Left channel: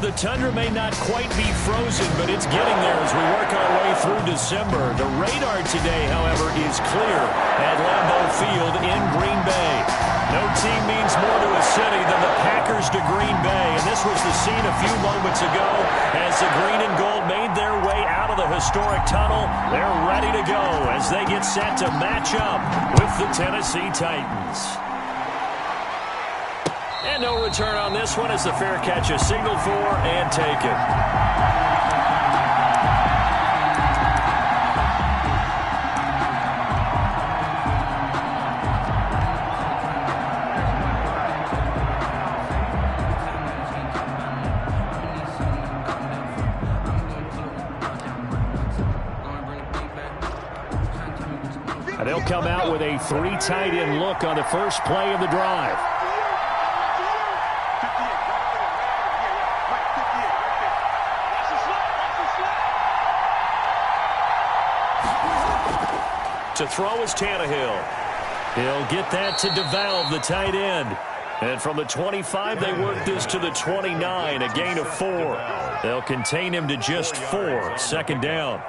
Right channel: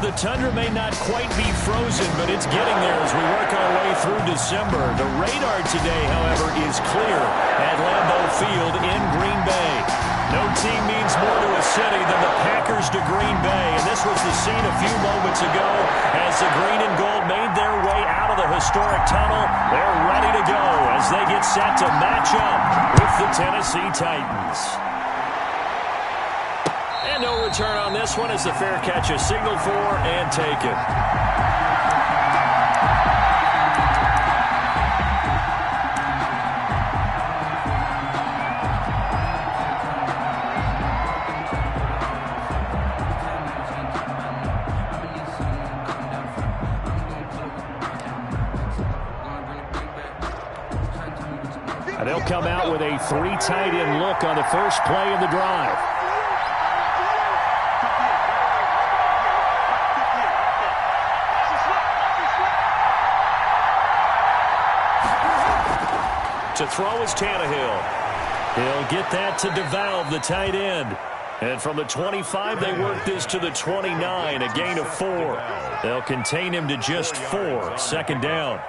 The tundra may not quite be frozen, but it's getting there as we work our way through December. The radar today, however, is clear at Lambeau Field in Green Bay. No team means more to a city than the Packers to Green Bay, and this was the scene a few moments ago as the green and gold made their way out of the historic tunnel. They're ready to go as they get set to match up with the Tennessee Titans. And no return on this one as the fair catch is signaled for and taken. And they'll come out with a 3 tight end look on the first play of the drive. To throw is Tannehill. He'll get that to DeValve, the tight end. And from the 25, they work this to the 29, a gain of 4. They'll contain him to just 4. Second down.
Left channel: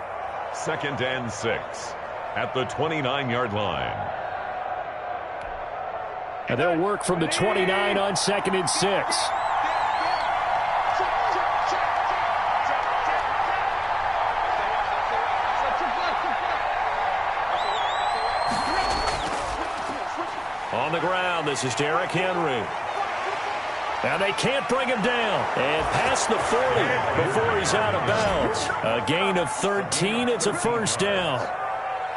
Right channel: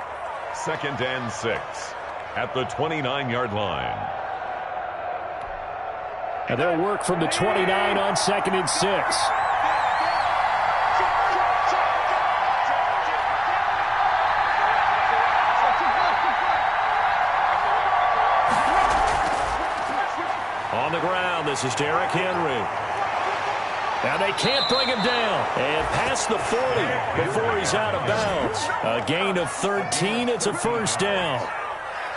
2nd and 6 at the 29-yard line. And they'll work from the 29 on 2nd and 6. On the ground, this is Derrick Henry. And they can't bring him down. And past the 40 before he's out of bounds. A gain of 13. It's a first down.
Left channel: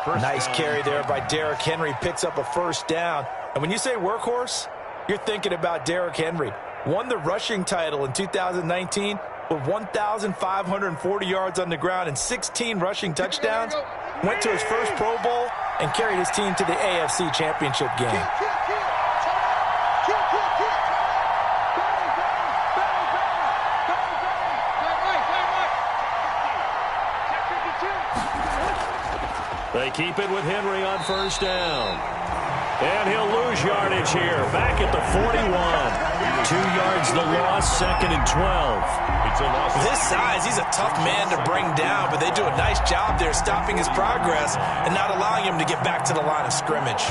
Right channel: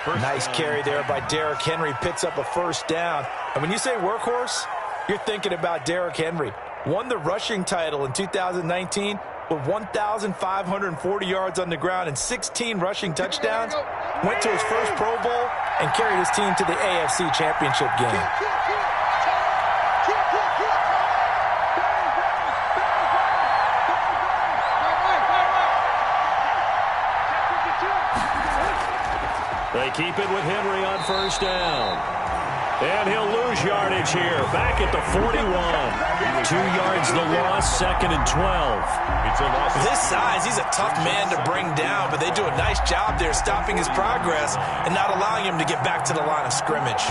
Nice carry there by Derrick Henry. Picks up a first down. And when you say workhorse, you're thinking about Derrick Henry. Won the rushing title in 2019 with 1,540 yards on the ground and 16 rushing touchdowns. Went to his first Pro Bowl and carried his team to the AFC Championship game. They keep it with Henry on first down. And he'll lose yardage here. Back at the 41. 2 yards the loss, 2nd and 12. It's a loss. With his size, he's a tough man to bring down, but they do a nice job there stopping his progress and not allowing him to get back to the line of scrimmage.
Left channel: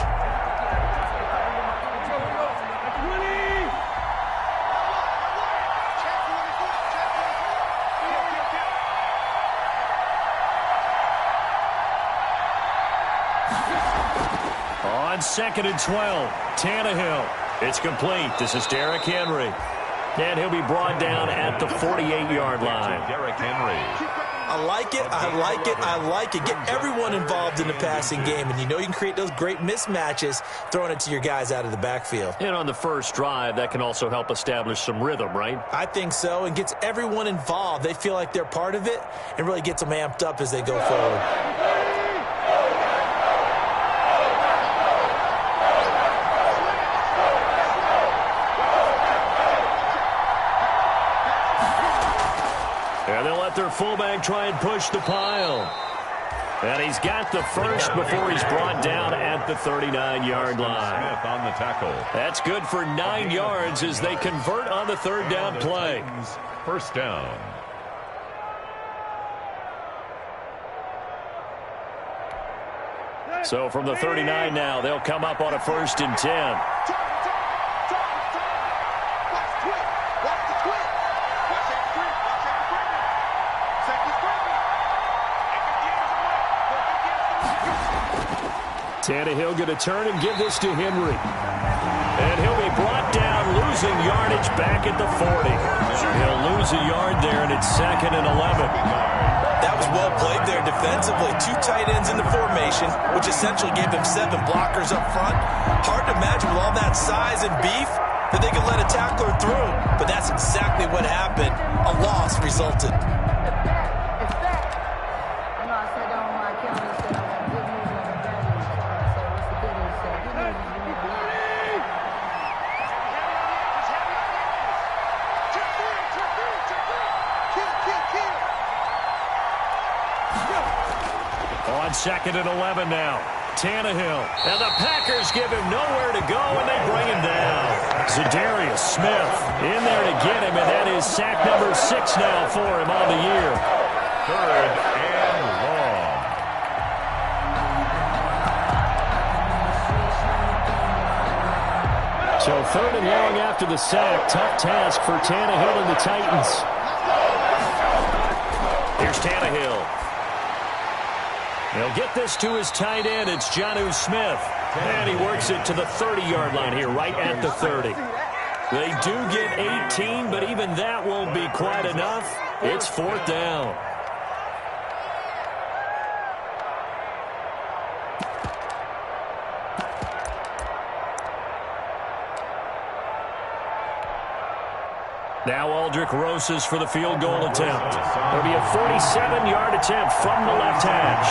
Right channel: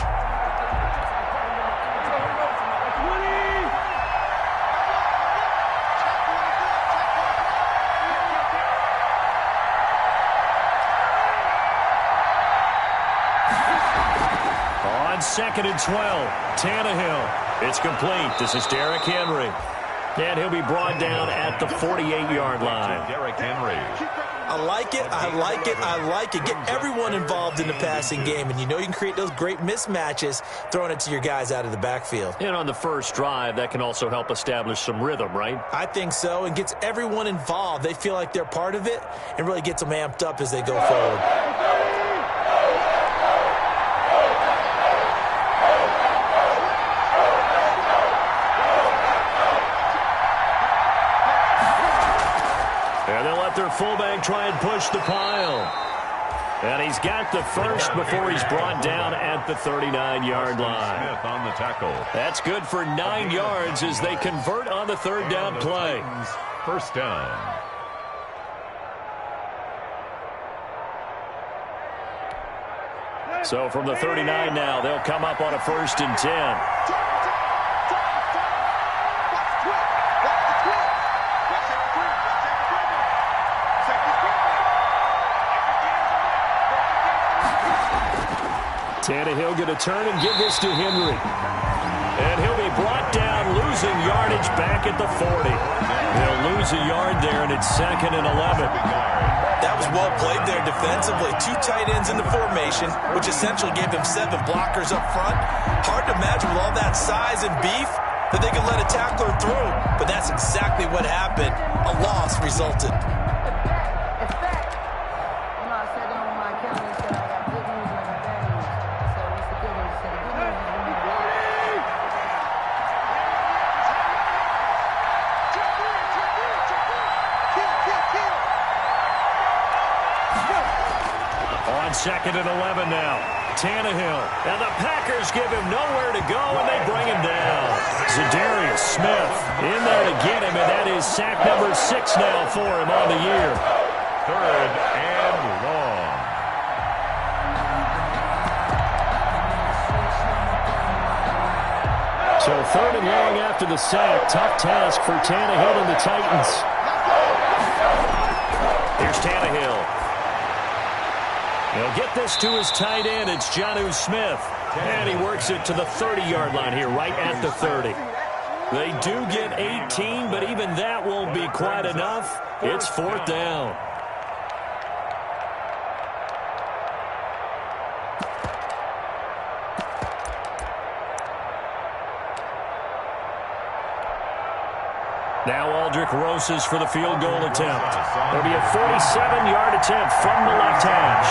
On 2nd and 12, Tannehill. It's complete. This is Derrick Henry. And he'll be brought down at the 48-yard line. Derrick Henry. I like it, I like it, I like it. Get everyone involved in the passing game, and you know you can create those great mismatches throwing it to your guys out of the backfield. And on the first drive, that can also help establish some rhythm, right? I think so, and gets everyone involved. They feel like they're part of it and really gets them amped up as they go forward. And they'll let their fullback try and push the pile. And he's got the first before he's brought down at the 39-yard line. Smith on the tackle. That's good for 9 yards as they convert on the third down play. First down. So from the 39 now, they'll come up on a 1st and 10. Tannehill going to turn and give this to Henry. And he'll be brought down, losing yardage back at the 40. He'll lose a yard there, and it's 2nd and 11. That was well played there defensively. 2 tight ends in the formation, which essentially gave them 7 blockers up front. Hard to imagine with all that size and beef that they could let a tackler through, but that's exactly what happened. A loss resulted. On 2nd and 11 now. Tannehill. And the Packers give him nowhere to go, and they bring him down. Za'Darius Smith in there to get him, and that is sack number 6 now for him on the year. 3rd and long. So 3rd and long after the sack. Tough task for Tannehill and the Titans. Here's Tannehill. He'll get this to his tight end. It's Jonnu Smith. And he works it to the 30-yard line here, right at the 30. They do get 18, but even that won't be quite enough. It's 4th down. Now Aldrick Rosas for the field goal attempt. It'll be a 47-yard attempt from the left hash.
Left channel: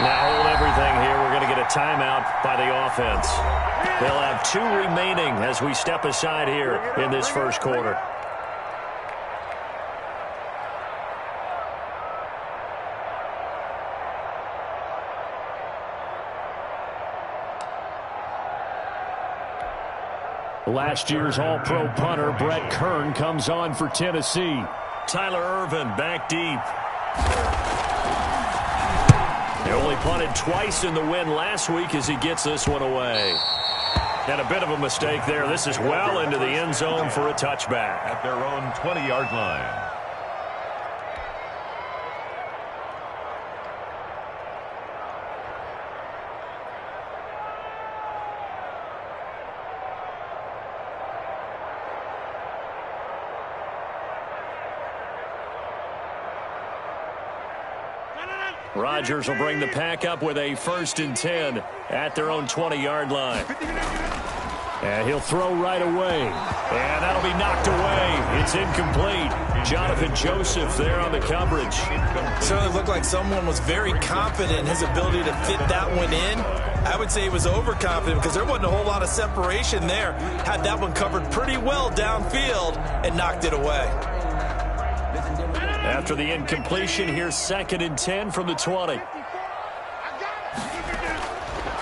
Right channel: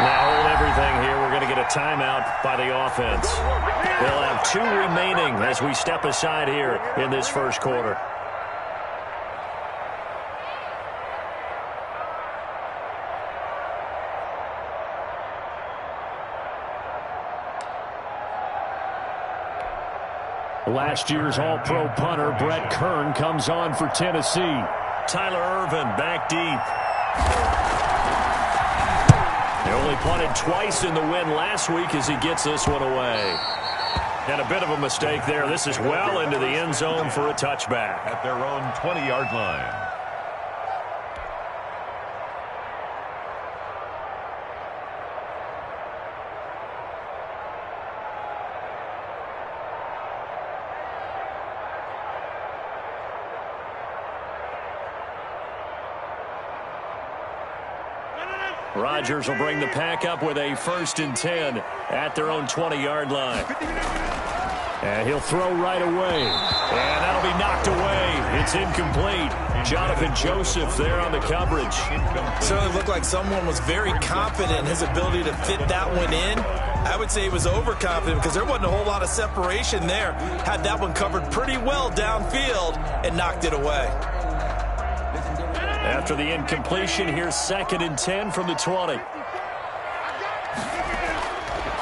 Now hold everything here. We're going to get a timeout by the offense. They'll have 2 remaining as we step aside here in this first quarter. Last year's All-Pro punter Brett Kern comes on for Tennessee. Tyler Ervin back deep. They only punted twice in the win last week as he gets this one away. And a bit of a mistake there. This is well into the end zone for a touchback. At their own 20-yard line. Rodgers will bring the pack up with a 1st and 10 at their own 20-yard line. And he'll throw right away. And that'll be knocked away. It's incomplete. Jonathan Joseph there on the coverage. Certainly looked like someone was very confident in his ability to fit that one in. I would say he was overconfident because there wasn't a whole lot of separation there. Had that one covered pretty well downfield and knocked it away. After the incompletion, here's 2nd and 10 from the 20.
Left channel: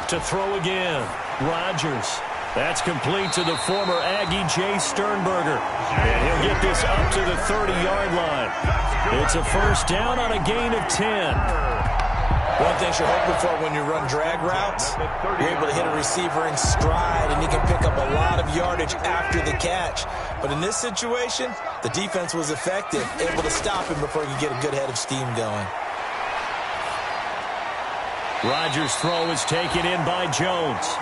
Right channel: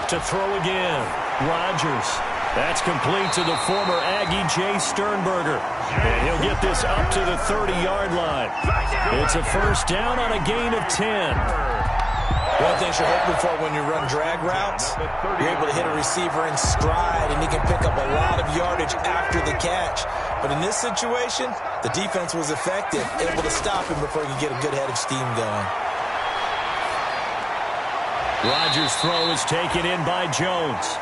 To throw again, Rodgers. That's complete to the former Aggie Jay Sternberger. And he'll get this up to the 30-yard line. It's a 1st down on a gain of 10. One thing you're hoping for when you run drag routes, you're able to hit a receiver in stride, and he can pick up a lot of yardage after the catch. But in this situation, the defense was effective, able to stop him before he could get a good head of steam going. Rodgers' throw is taken in by Jones.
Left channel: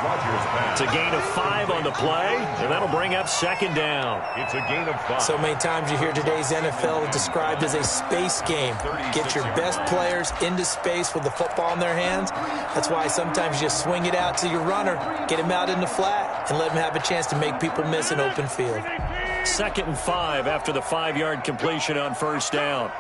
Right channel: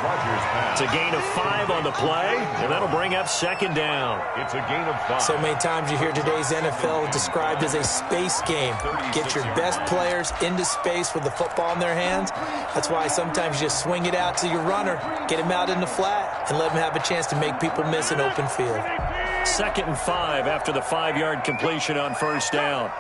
It's a gain of 5 on the play, and that'll bring up 2nd down. It's a gain of 5. So many times you hear today's NFL described as a space game. Get your best players into space with the football in their hands. That's why sometimes you just swing it out to your runner, get him out in the flat, and let him have a chance to make people miss an open field. 2nd and 5 after the 5-yard completion on 1st down.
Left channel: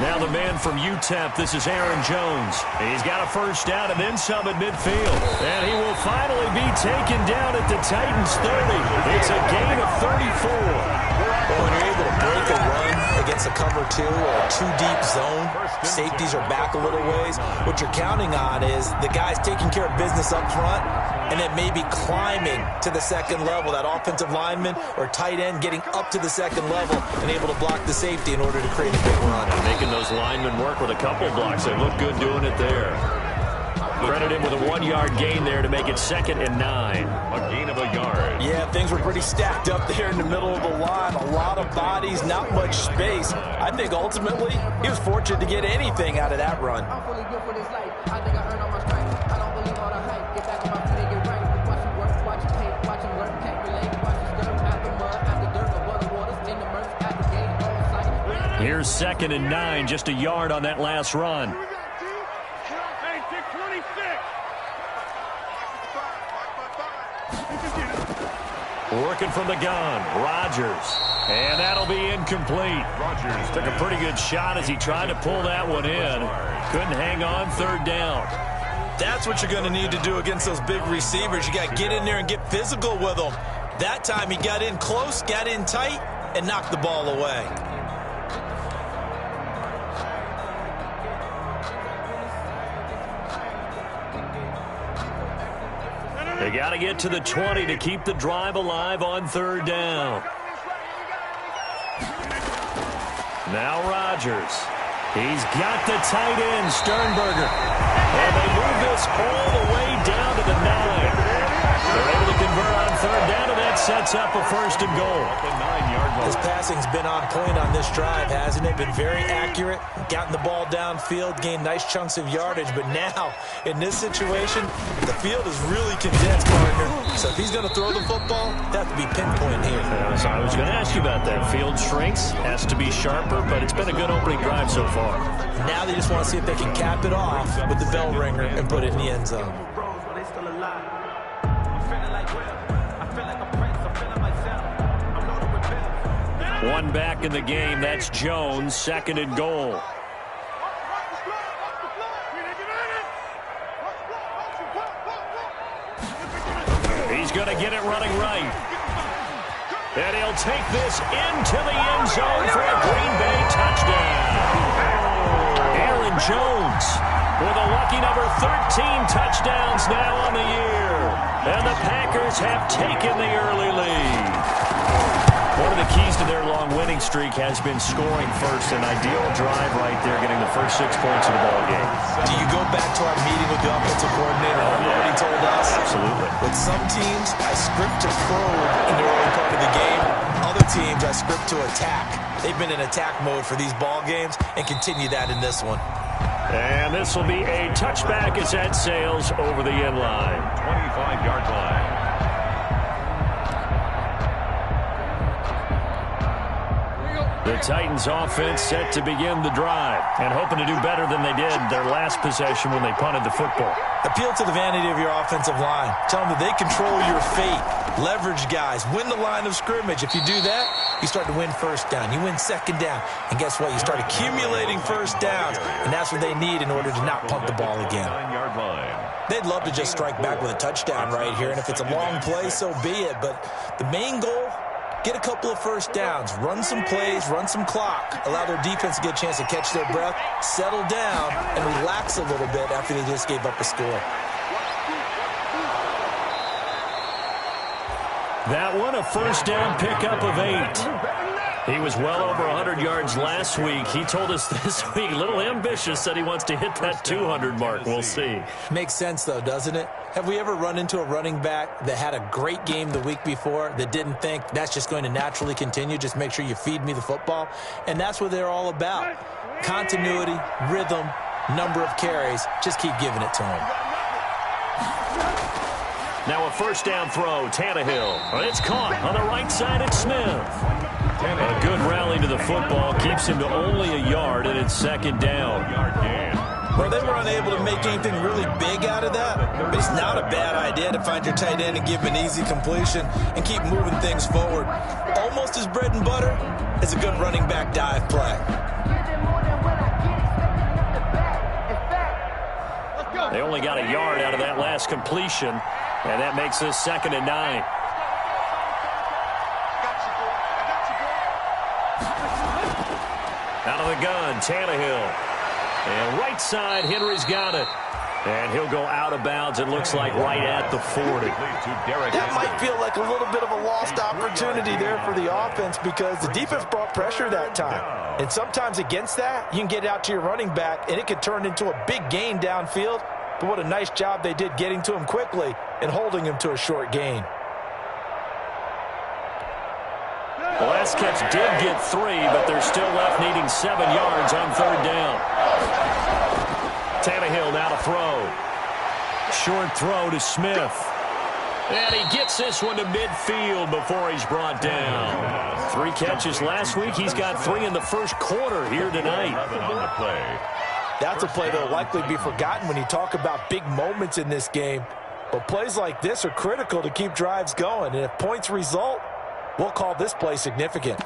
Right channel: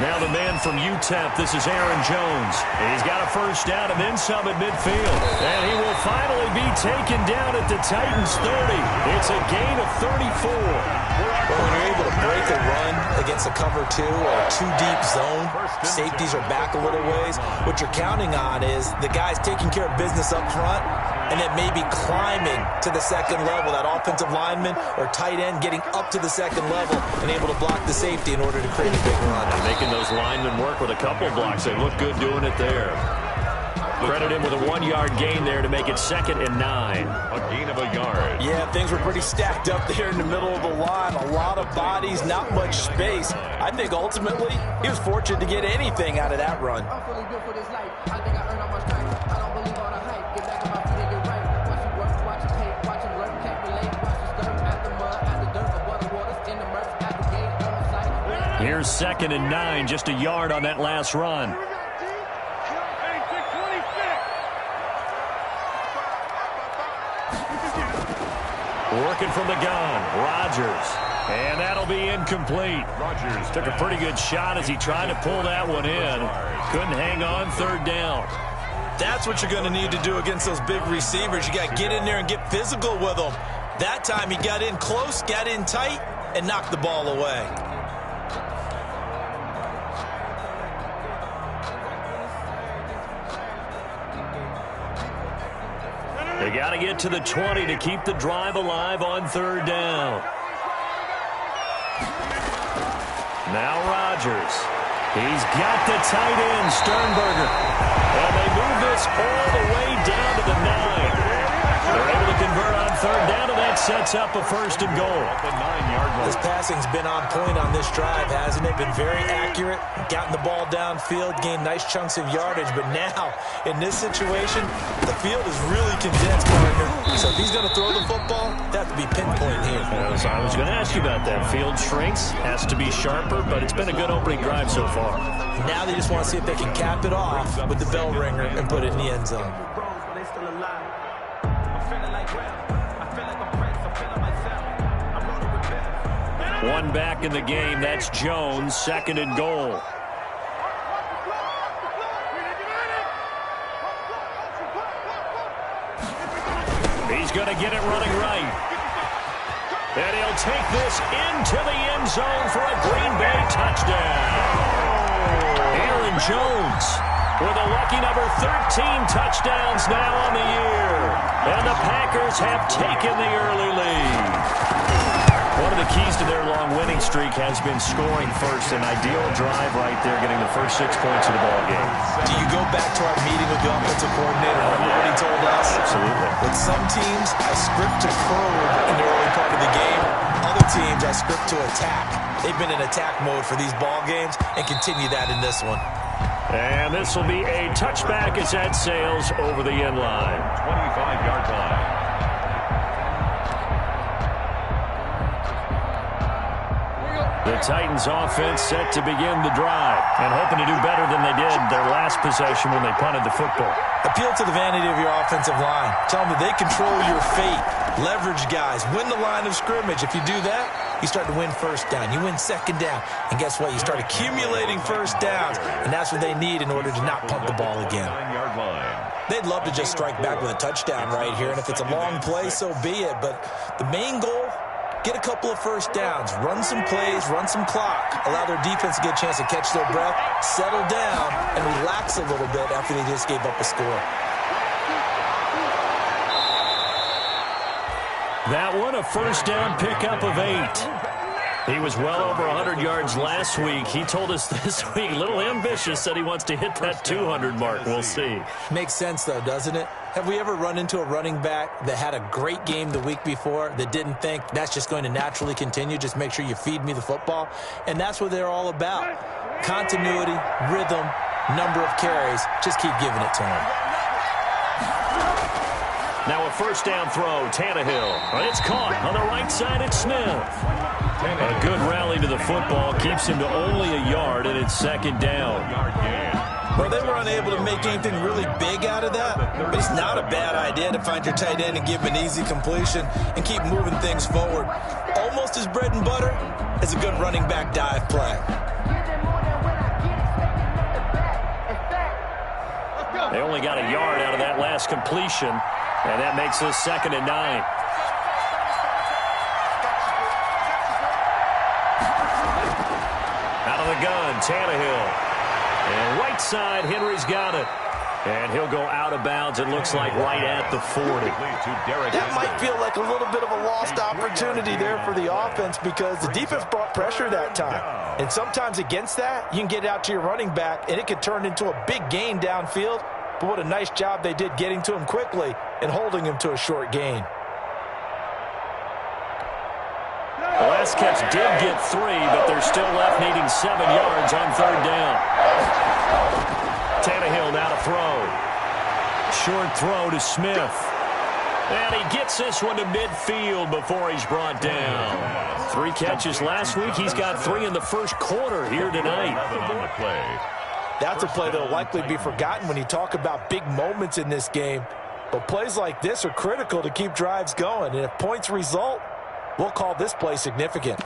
Now the man from UTEP, this is Aaron Jones. He's got a 1st down and then some at midfield. And he will finally be taken down at the Titans' 30. It's a gain of 34. Well, when you're able to break a run against a cover 2 or a 2-deep zone, safeties are back a little ways. What you're counting on is the guys taking care of business up front and then maybe climbing to the 2nd level, that offensive lineman or tight end getting up to the 2nd level and able to block the safety in order to create a big run. And making those linemen work with a couple blocks. They look good doing it there. Credit him with a 1-yard gain there to make it 2nd and 9. A gain of a yard. Yeah, things were pretty stacked up there in the middle of the line. A lot of bodies, not much space. I think ultimately he was fortunate to get anything out of that run. I'm fully built for this life. I think I earned all my stripes. I don't believe all the hype. Get back on my feet and get right. Watch him work, watch him hate, watch him learn, can't relate. Watch him stir out the mud, out the dirt, above the waters, in the murk, at the gate, on the site. Here's 2nd and 9, just a yard on that last run. Working from the gun, Rodgers. And that'll be incomplete. Rodgers took a pretty good shot as he tried to pull that one in. Couldn't hang on, 3rd down. That's what you're going to need to do against those big receivers. You got to get in there and get physical with them. That time he got in close, got in tight, and knocked the ball away. They got to get to the 20 to keep the drive alive on third down. Now Rodgers. He's got the tight end, Sternberger. And they move this all the way down to the 9. They're able to convert on third down, and that sets up a first and goal. The 9-yard line. This passing's been on point on this drive, hasn't it? Been very accurate, gotten the ball downfield, gained nice chunks of yardage. But now, in this situation, the field is really condensed, partner. So if he's going to throw the football, that has to be pinpoint here. So I was going to ask you about that. Field shrinks, has to be sharper, but it's been a good opening drive so far. Now they just want to see if they can cap it off with the bell ringer and put it in the end zone. One back in the game. That's Jones. Second and goal. He's going to get it running right. And he'll take this into the end zone for a Green Bay touchdown. Aaron Jones with a lucky number 13 touchdowns now on the year. And the Packers have taken the early lead. One of the keys to their long winning streak has been scoring first. An ideal drive right there, getting the first 6 points of the ball game. Do you go back to our meeting with the offensive coordinator? Remember what he told us? Absolutely. With some teams, I script to probe in the early part of the game. Other teams, I script to attack. They've been in attack mode for these ball games and continue that in this one. And this will be a touchback as that sails over the end line. 25-yard line. The Titans offense set to begin the drive and hoping to do better than they did their last possession when they punted the football. Appeal to the vanity of your offensive line. Tell them that they control your fate. Leverage guys. Win the line of scrimmage. If you do that, you start to win first down. You win second down. And guess what? You start accumulating first downs. And that's what they need in order to not punt the ball again. 9-yard line. They'd love to just strike back with a touchdown right here. And if it's a long play, so be it. But the main goal, get a couple of first downs, run some plays, run some clock, allow their defense to get a chance to catch their breath, settle down, and relax a little bit after they just gave up a score. That one, a first down pickup of 8. He was well over 100 yards last week. He told us this week, a little ambitious, said he wants to hit that 200 mark. We'll see. Makes sense, though, doesn't it? Have we ever run into a running back that had a great game the week before that didn't think that's just going to naturally continue? Just make sure you feed me the football. And that's what they're all about. Continuity, rhythm, number of carries. Just keep giving it to them. Now a first down throw, Tannehill. It's caught on the right side at Smith. A good rally to the football keeps him to only a yard, and it's second down. Well, they were unable to make anything really big out of that, but it's not a bad idea to find your tight end and give him an easy completion and keep moving things forward. Almost as bread and butter as a good running back dive play. They only got a yard out of that last completion, and that makes this second and 9. Out of the gun, Tannehill. And right side, Henry's got it. And he'll go out of bounds, it looks like, right at the 40. That might feel like a little bit of a lost opportunity there for the offense because the defense brought pressure that time. And sometimes against that, you can get out to your running back, and it could turn into a big gain downfield. But what a nice job they did getting to him quickly and holding him to a short gain. The last catch did get 3, but they're still left needing 7 yards on third down. Tannehill now to throw. Short throw to Smith. And he gets this one to midfield before he's brought down. 3 catches last week. He's got 3 in the first quarter here tonight. That's a play that will likely be forgotten when you talk about big moments in this game. But plays like this are critical to keep drives going. And if points result, we'll call this play significant.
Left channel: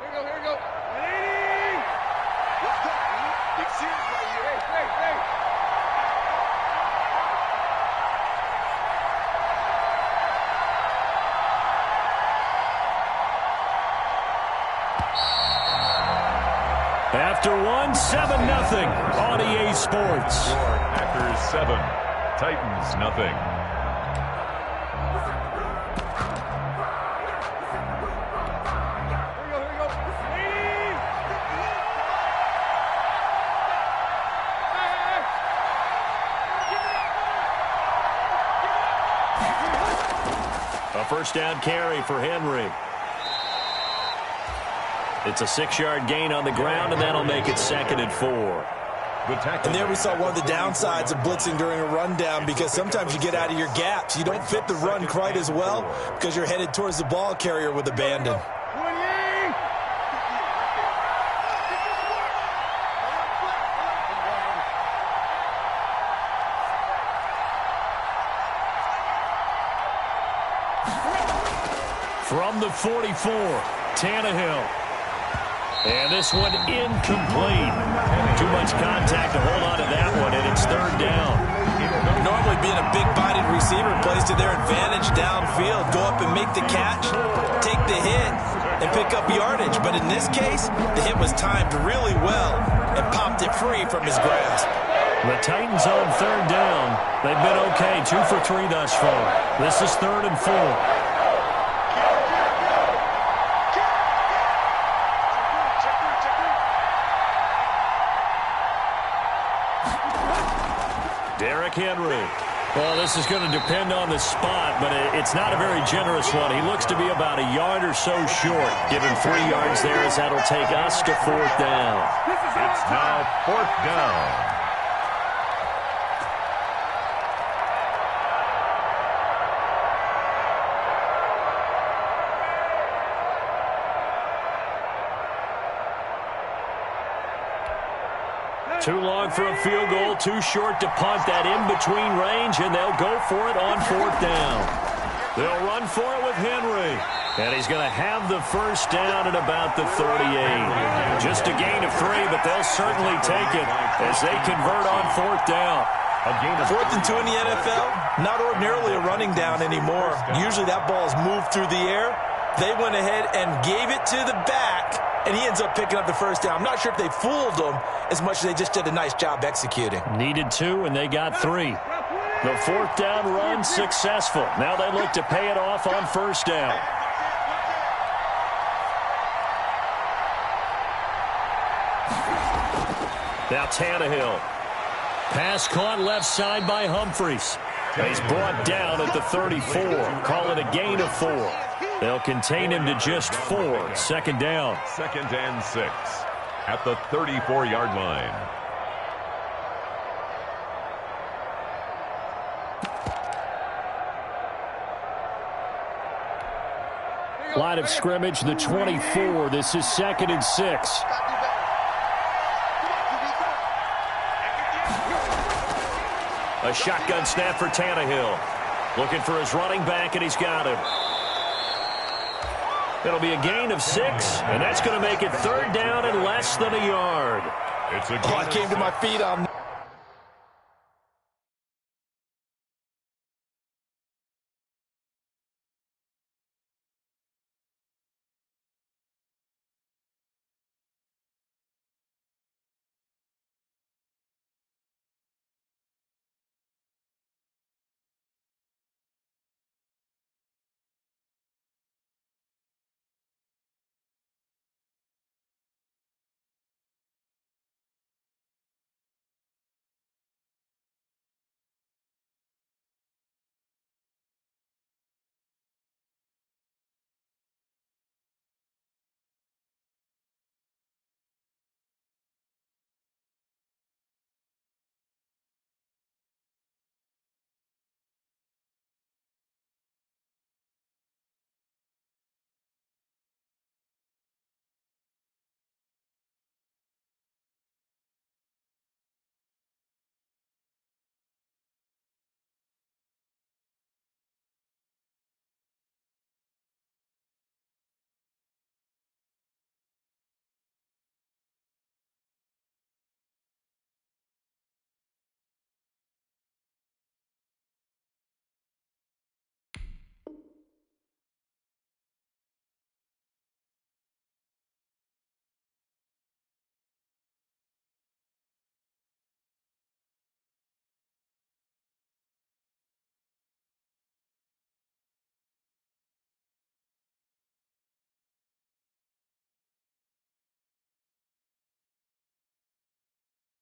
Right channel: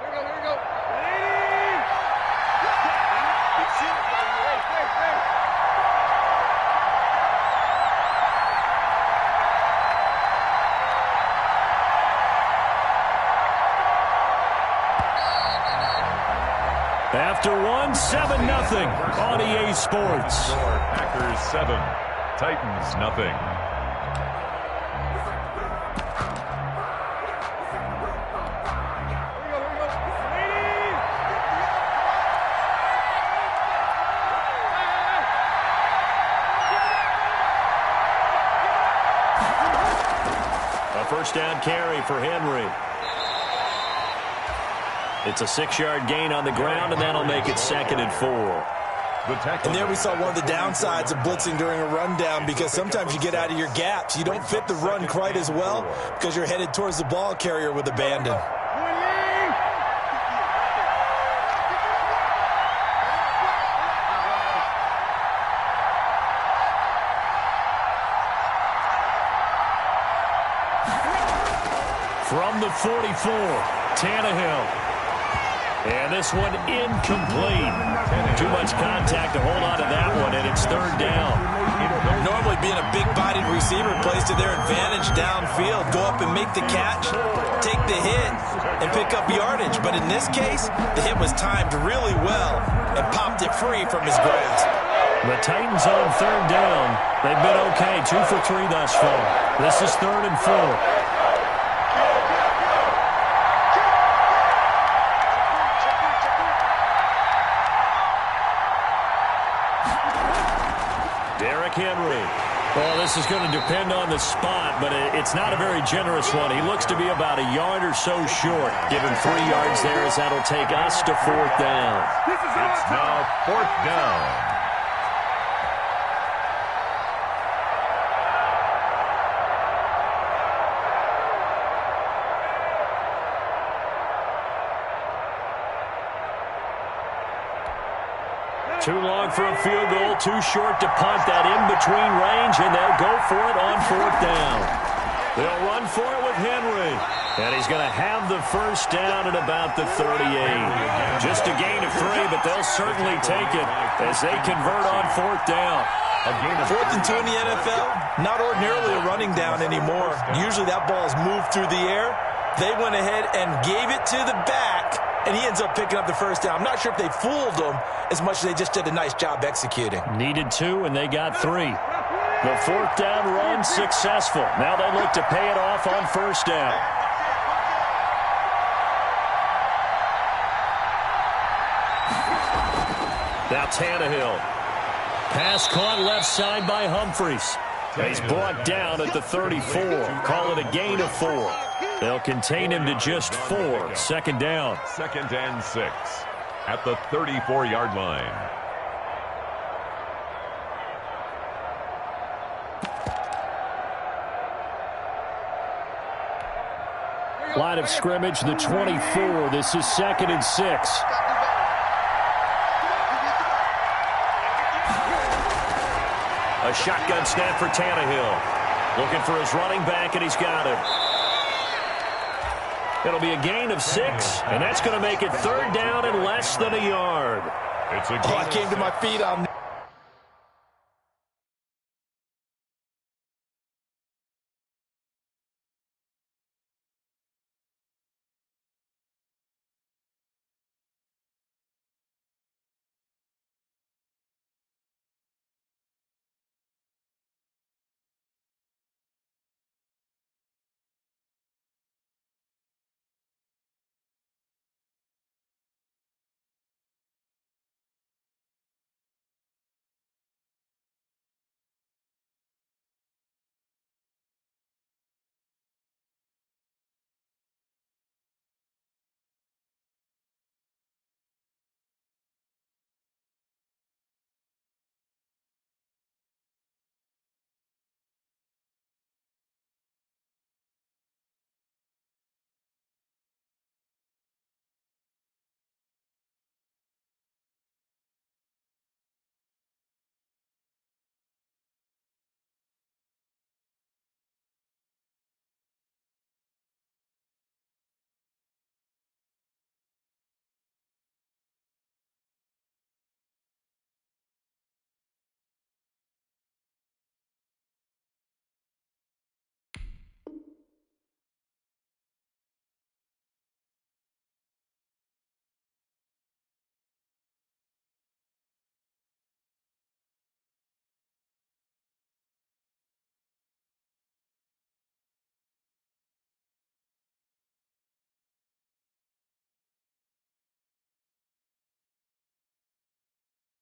Here we go. After one, 7-0 on EA Sports. Packers 7, Titans nothing. A first down carry for Henry. It's a 6-yard gain on the ground, and that'll make it 2nd and 4. And there we saw one of the downsides of blitzing during a rundown, because sometimes you get out of your gaps. You don't fit the run quite as well because you're headed towards the ball carrier with abandon. From the 44, Tannehill. And this one incomplete. Too much contact to hold on to that one, and it's 3rd down. Normally being a big-bodied receiver plays to their advantage downfield. Go up and make the catch, take the hit, and pick up yardage. But in this case, the hit was timed really well and popped it free from his grasp. The Titans on 3rd down. They've been okay, 2 for 3 thus far. This is 3rd and 4. Derrick Henry. Well, this is going to depend on the spot, but it's not a very generous one. He looks to be about a yard or so short. Give him 3 yards there, as that'll take us to 4th down. It's now 4th down. Too long for a field goal, too short to punt. That in-between range, and they'll go for it on 4th down. They'll run for it with Henry. And he's going to have the first down at about the 38. Just a gain of 3, but they'll certainly take it as they convert on 4th down. 4th and 2 in the NFL, not ordinarily a running down anymore. Usually that ball is moved through the air. They went ahead and gave it to the back, and he ends up picking up the first down. I'm not sure if they fooled him as much as they just did a nice job executing. Needed 2, and they got 3. The 4th down run successful. Now they look to pay it off on 1st down. Now Tannehill. Pass caught left side by Humphries. He's brought down at the 34. Call it a gain of 4. They'll contain him to just 4. 2nd down. 2nd and 6 at the 34-yard line. Line of scrimmage, the 24. This is 2nd and 6. A shotgun snap for Tannehill. Looking for his running back, and he's got him. It'll be a gain of 6, and that's going to make it 3rd down and less than a yard. I came to my feet on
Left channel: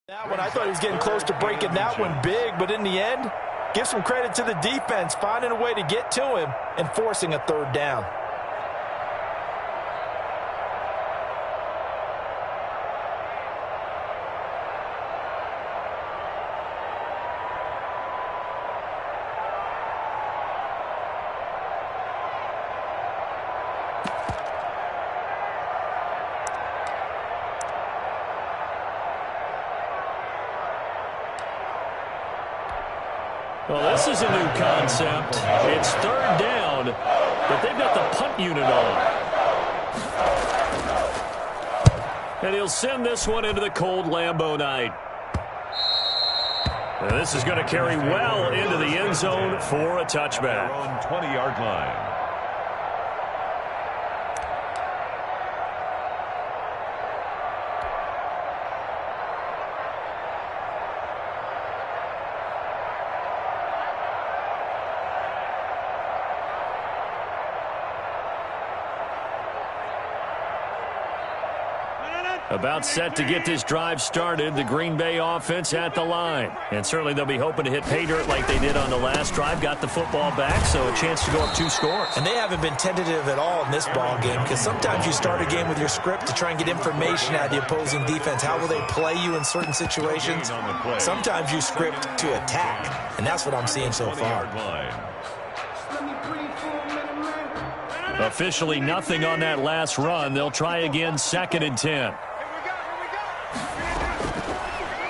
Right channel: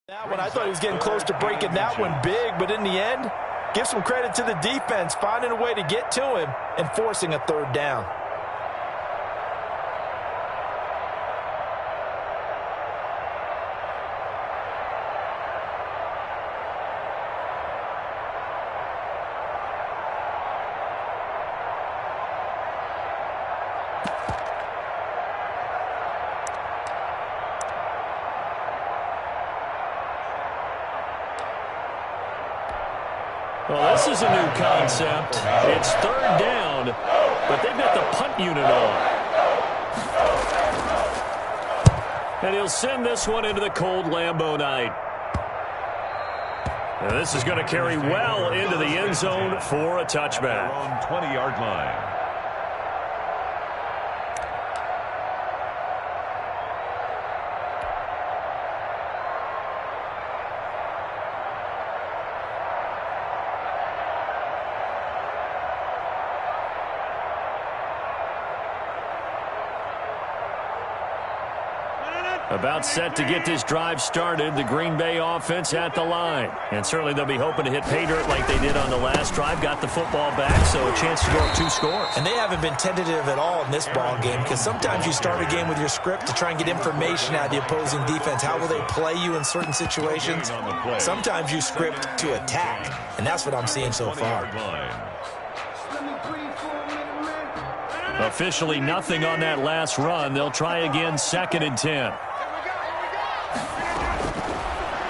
That one, I thought he was getting close to breaking that one big, but in the end, give some credit to the defense, finding a way to get to him and forcing a third down. Well, this is a new concept. It's third down, but they've got the punt unit on. And he'll send this one into the cold Lambeau night. And this is going to carry well into the end zone for a touchback. At their own 20-yard line. About set to get this drive started, the Green Bay offense at the line. And certainly they'll be hoping to hit pay dirt like they did on the last drive. Got the football back, so a chance to go up 2 scores. And they haven't been tentative at all in this ball game, because sometimes you start a game with your script to try and get information out of the opposing defense. How will they play you in certain situations? Sometimes you script to attack, and that's what I'm seeing so far. Officially nothing on that last run. They'll try again, 2nd and 10.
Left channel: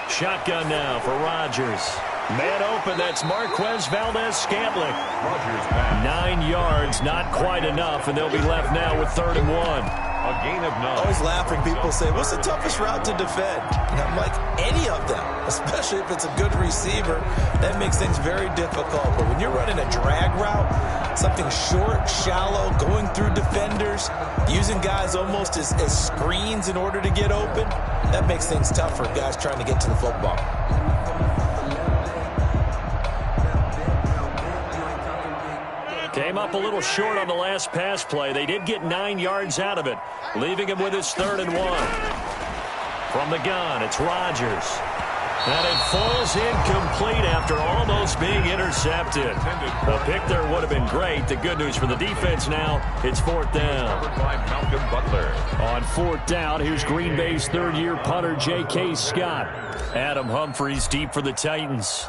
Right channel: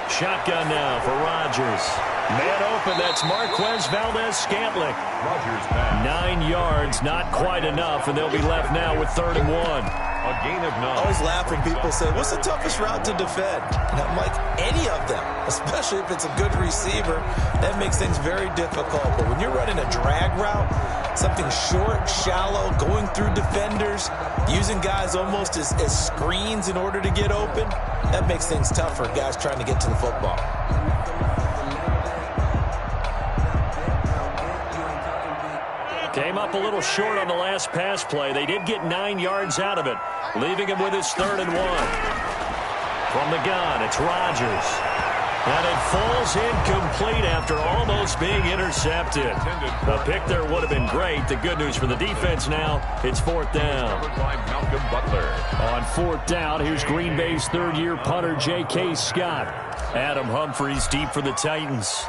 Shotgun now for Rodgers. Man open, that's Marquez Valdes-Scantling. Rodgers pass. 9 yards, not quite enough, and they'll be left now with 3rd and 1. A gain of 9. Always laughing. People say, what's the toughest route to defend? And I'm like, any of them, especially if it's a good receiver. That makes things very difficult. But when you're running a drag route, something short, shallow, going through defenders, using guys almost as screens in order to get open, that makes things tough for guys trying to get to the football. Came up a little short on the last pass play. They did get 9 yards out of it, leaving him with his 3rd and 1. From the gun, it's Rodgers. And it falls incomplete after almost being intercepted. A pick there would have been great. The good news for the defense now, it's 4th down. By Malcolm Butler. On 4th down, here's Green Bay's 3rd-year punter, J.K. Scott. Adam Humphries deep for the Titans.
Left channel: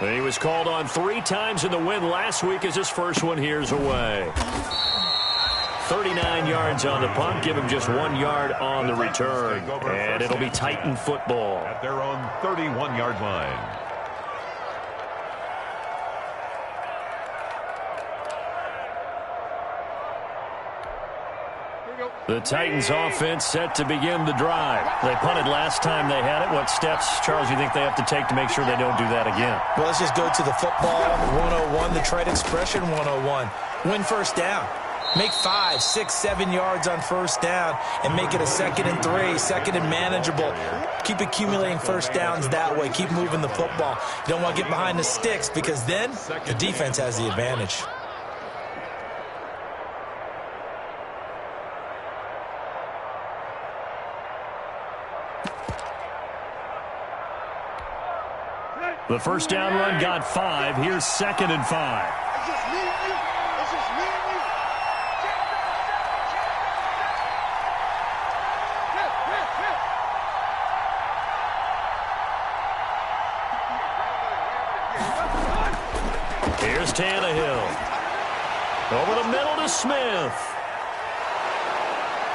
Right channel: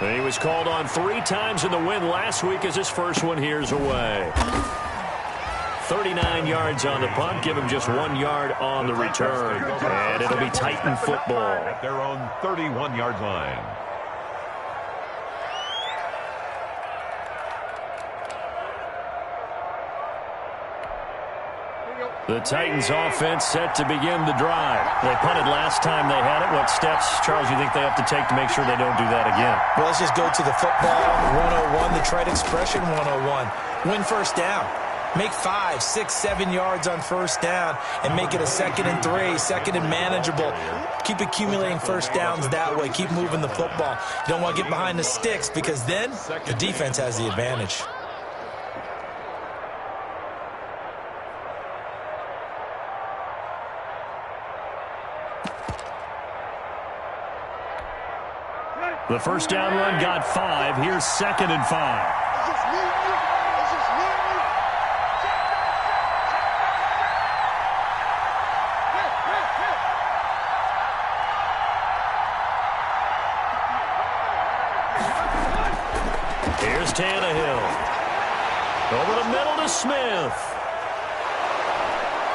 He was called on 3 times in the win last week as his first one here's away. 39 yards on the punt, give him just 1 yard on the return. And it'll be Titan football. At their own 31-yard line. The Titans offense set to begin the drive. They punted last time they had it. What steps, Charles, you think they have to take to make sure they don't do that again? Well, let's just go to the football 101, the trade expression 101. Win first down. Make 5, 6, 7 yards on first down and make it a 2nd and 3, 2nd and manageable. Keep accumulating first downs that way. Keep moving the football. You don't want to get behind the sticks because then the defense has the advantage. The first down run got 5. Here's 2nd and 5. It's just me and you. It's just me and you. Check that. Here's Tannehill. Over the middle to Smith.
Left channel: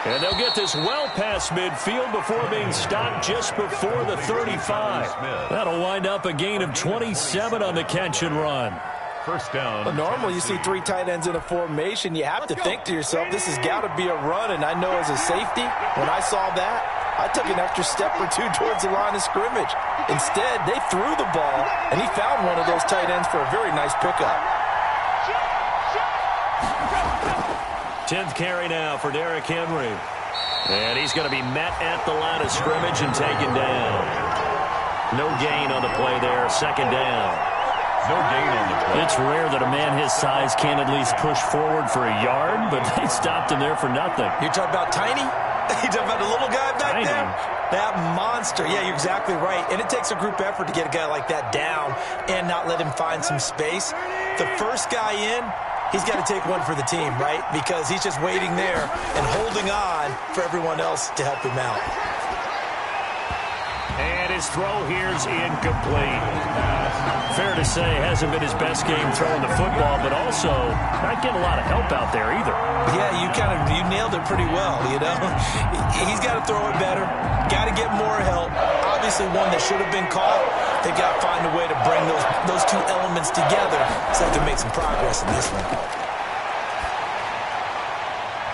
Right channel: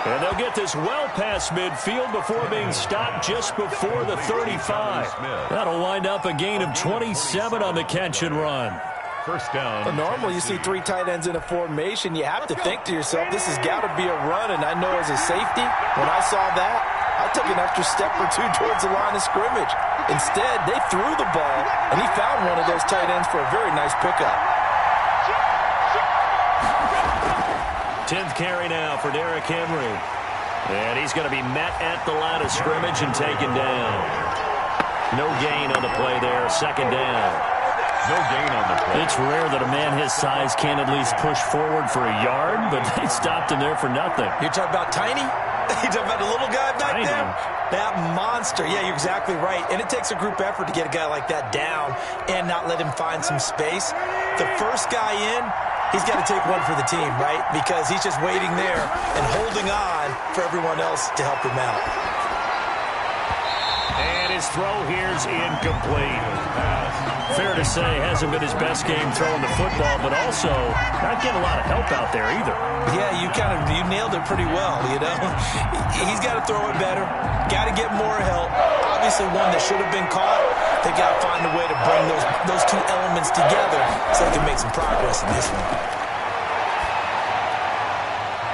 And they'll get this well past midfield before being stopped just before the 35. That'll wind up a gain of 27 on the catch and run. First down. Well, normally you see 3 tight ends in a formation. You have to think to yourself, this has got to be a run. And I know as a safety, when I saw that, I took an extra step or 2 towards the line of scrimmage. Instead, they threw the ball, and he found one of those tight ends for a very nice pickup. 10th carry now for Derrick Henry. And he's going to be met at the line of scrimmage and taken down. No gain on the play there. 2nd down. No gain on the play. It's rare that a man his size can at least push forward for a yard, but they stopped him there for nothing. You're talking about tiny? You talking about the little guy back Tiny. there? That monster. Yeah, you're exactly right. And it takes a group effort to get a guy like that down and not let him find some space. The first guy in, he's got to take one for the team, right? Because he's just waiting there and holding on for everyone else to help him out. And his throw here's incomplete. Fair to say, hasn't been his best game throwing the football, but also not getting a lot of help out there either. Yeah, you nailed it pretty well, you know. He's got to throw it better. Got to get more help. Obviously, one that should have been caught. They've got to find a way to bring those two elements together so they can make some progress in this one.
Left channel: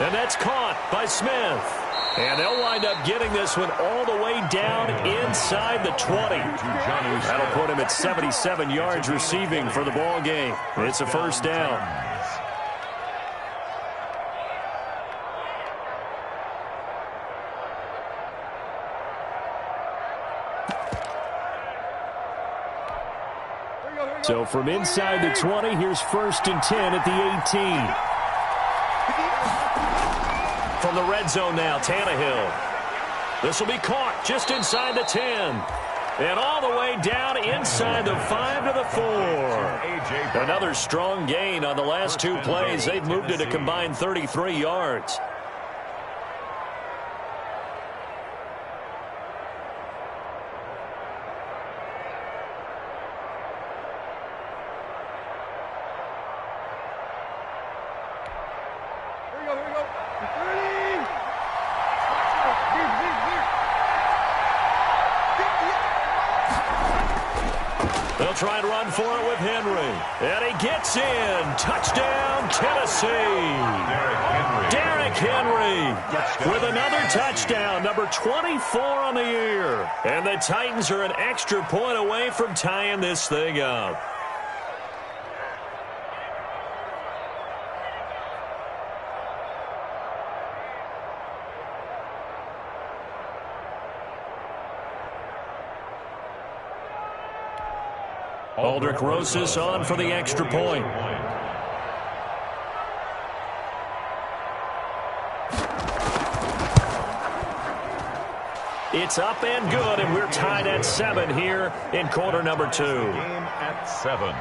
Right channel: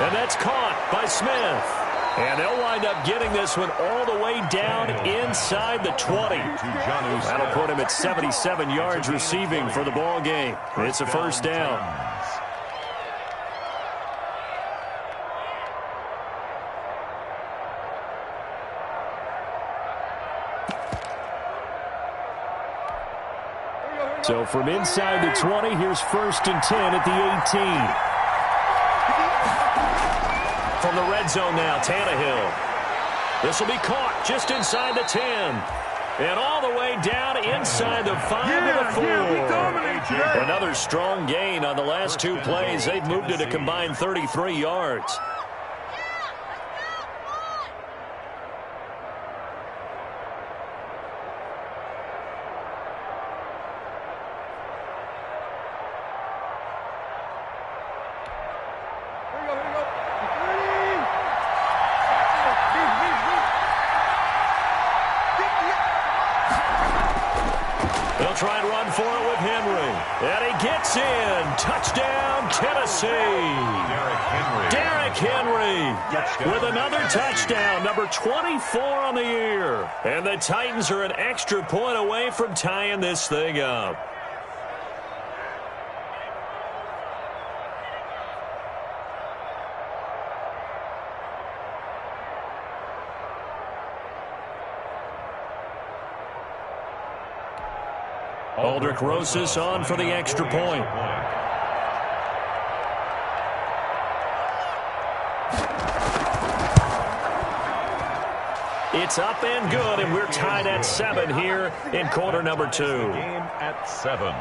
And that's caught by Smith. And they'll wind up getting this one all the way down inside the 20. That'll put him at 77 yards receiving for the ball game. It's a first down. So from inside the 20, here's 1st and 10 at the 18. From the red zone now, Tannehill. This will be caught just inside the 10. And all the way down inside the 5 to the 4. Another strong gain on the last two plays. They've moved it a combined 33 yards. Here we go. 30. They'll try and run for it with Henry. And he gets in. Touchdown, Tennessee. Derrick Henry with another touchdown, number 24 on the year. And the Titans are an extra point away from tying this thing up. Aldrick Rosas on for the extra point. It's up and good, and we're tied at 7 here in quarter number 2. Game at 7.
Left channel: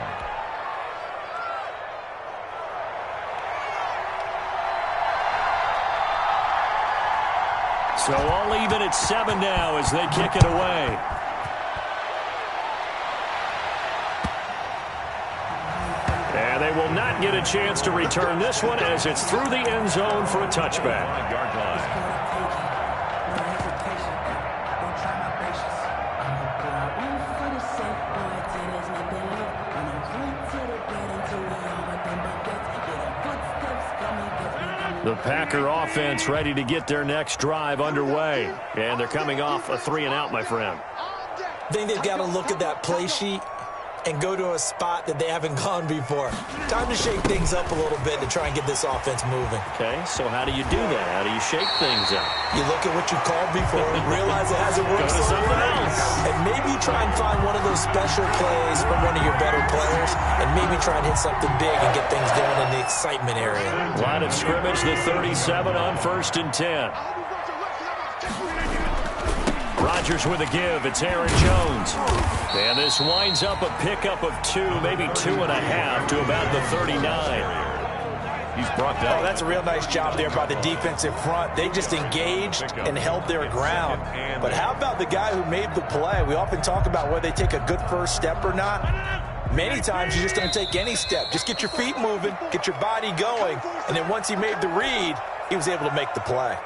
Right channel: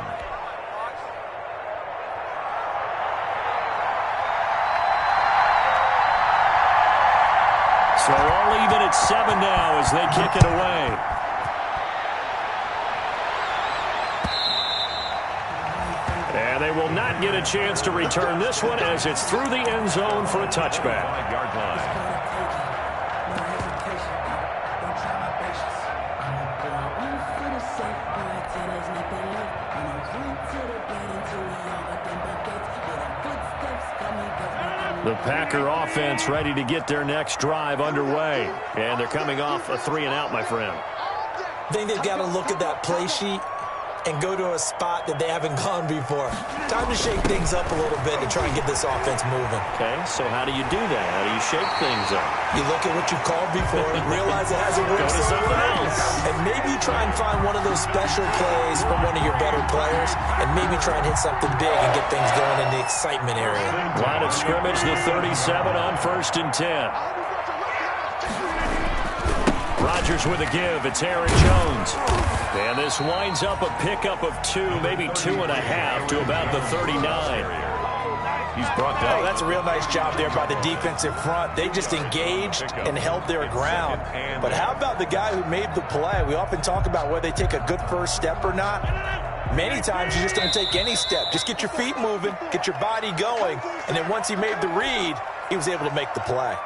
So all even at 7 now as they kick it away. And they will not get a chance to return this one as it's through the end zone for a touchback. 5-yard line. The Packer offense ready to get their next drive underway. And they're coming off a 3-and-out, my friend. I think they've got to look at that play sheet and go to a spot that they haven't gone before. Time to shake things up a little bit to try and get this offense moving. Okay, so how do you do that? How do you shake things up? You look at what you called before, realize it hasn't worked Go to so something well, else. and maybe you try and find one of those special plays from one of your better players, and maybe try and hit something big and get things going in the excitement area. Line of scrimmage, the 37 on 1st and 10. Rodgers with a give. It's Aaron Jones. And this winds up a pickup of 2, maybe 2.5 to about the 39. He's brought down. Oh, that's a real nice job there by the defensive front. They just engaged and held their ground. But how about the guy who made the play? We often talk about whether they take a good first step or not. Many times you just don't take any step. Just get your feet moving, get your body going, and then once he made the read, he was able to make the play.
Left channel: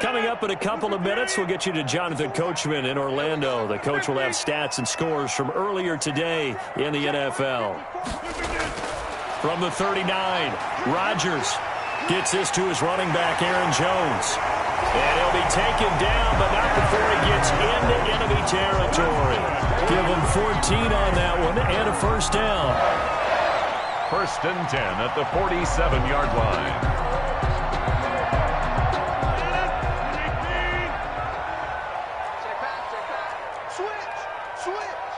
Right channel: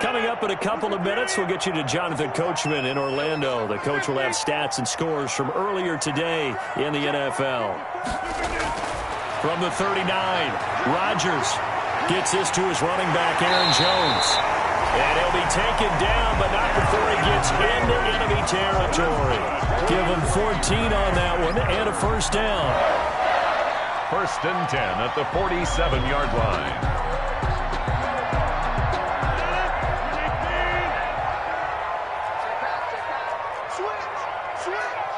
Coming up in a couple of minutes, we'll get you to Jonathan Coachman in Orlando. The coach will have stats and scores from earlier today in the NFL. From the 39, Rodgers gets this to his running back, Aaron Jones. And he'll be taken down, but not before he gets into enemy territory. Give him 14 on that one and a first down. 1st and 10 at the 47-yard line. Switch.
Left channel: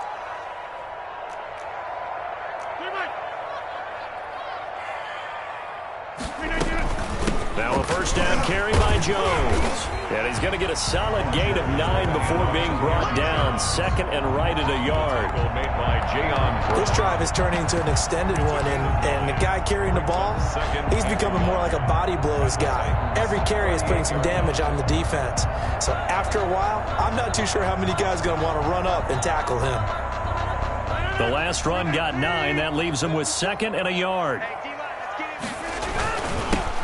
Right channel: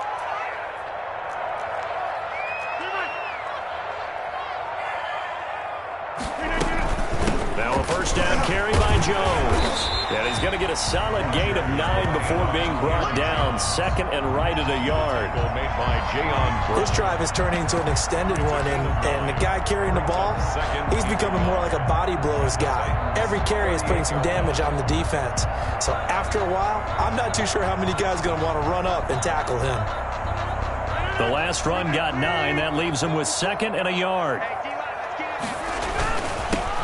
first down carry by Jones. And he's going to get a solid gain of 9 before being brought down. Second and right at a yard. Made by Jayon. This drive is turning into an extended one, and the guy carrying the ball, he's becoming more like a body blows guy. Every carry is putting some damage on the defense. So after a while, I'm not too sure how many guys are going to want to run up and tackle him. The last run got 9. That leaves him with second and a yard.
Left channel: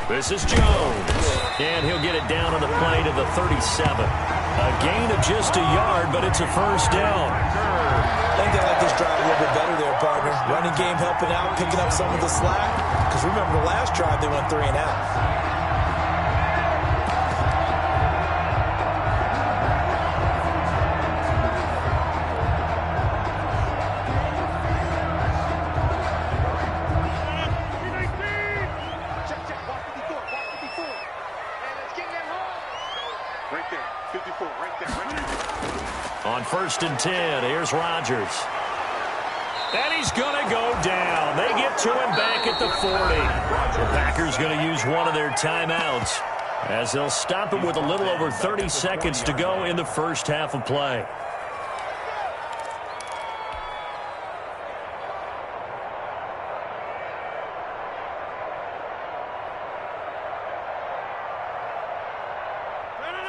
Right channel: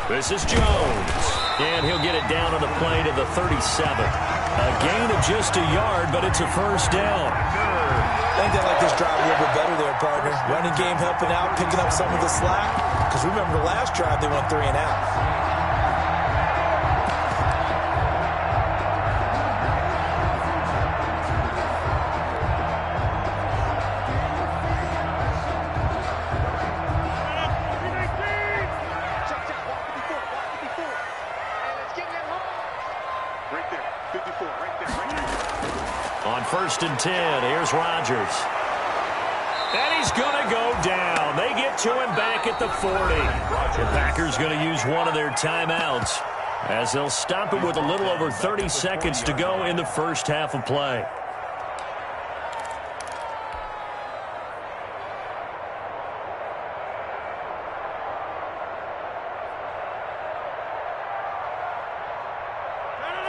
This is Jones. And he'll get it down on the play to the 37. A gain of just a yard, but it's a first down. I think they like this drive a little bit better there, partner. Running game helping out, picking up some of the slack. Because remember the last drive, they went 3 and out. On 1st and 10, here's Rodgers. And he's going to go down. They get to him back at the 40. The Packers going to use one of their timeouts as they'll stop it with a little over 30 seconds to go in the first half of play.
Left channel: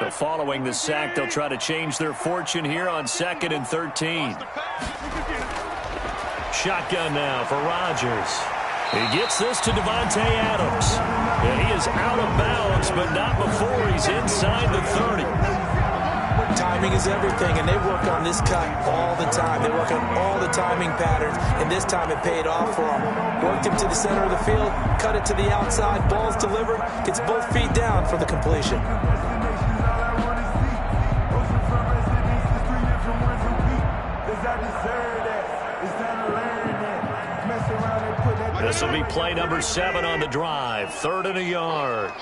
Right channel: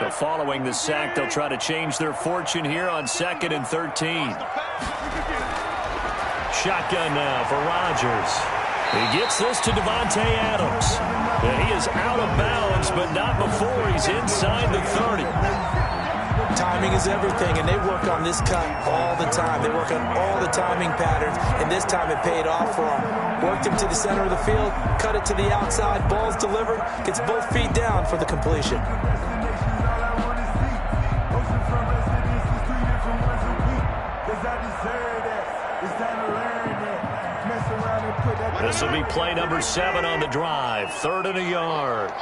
So following the sack, they'll try to change their fortune here on 2nd and 13. Shotgun now for Rodgers. He gets this to Davante Adams. And he is out of bounds, but not before he's inside the 30. Timing is everything, and they work on this cut all the time. They work on all the timing patterns, and this time it paid off for them. Worked him to the center of the field, cut it to the outside, ball's delivered, gets both feet down for the completion. This will be play number 7 on the drive. 3rd and a yard.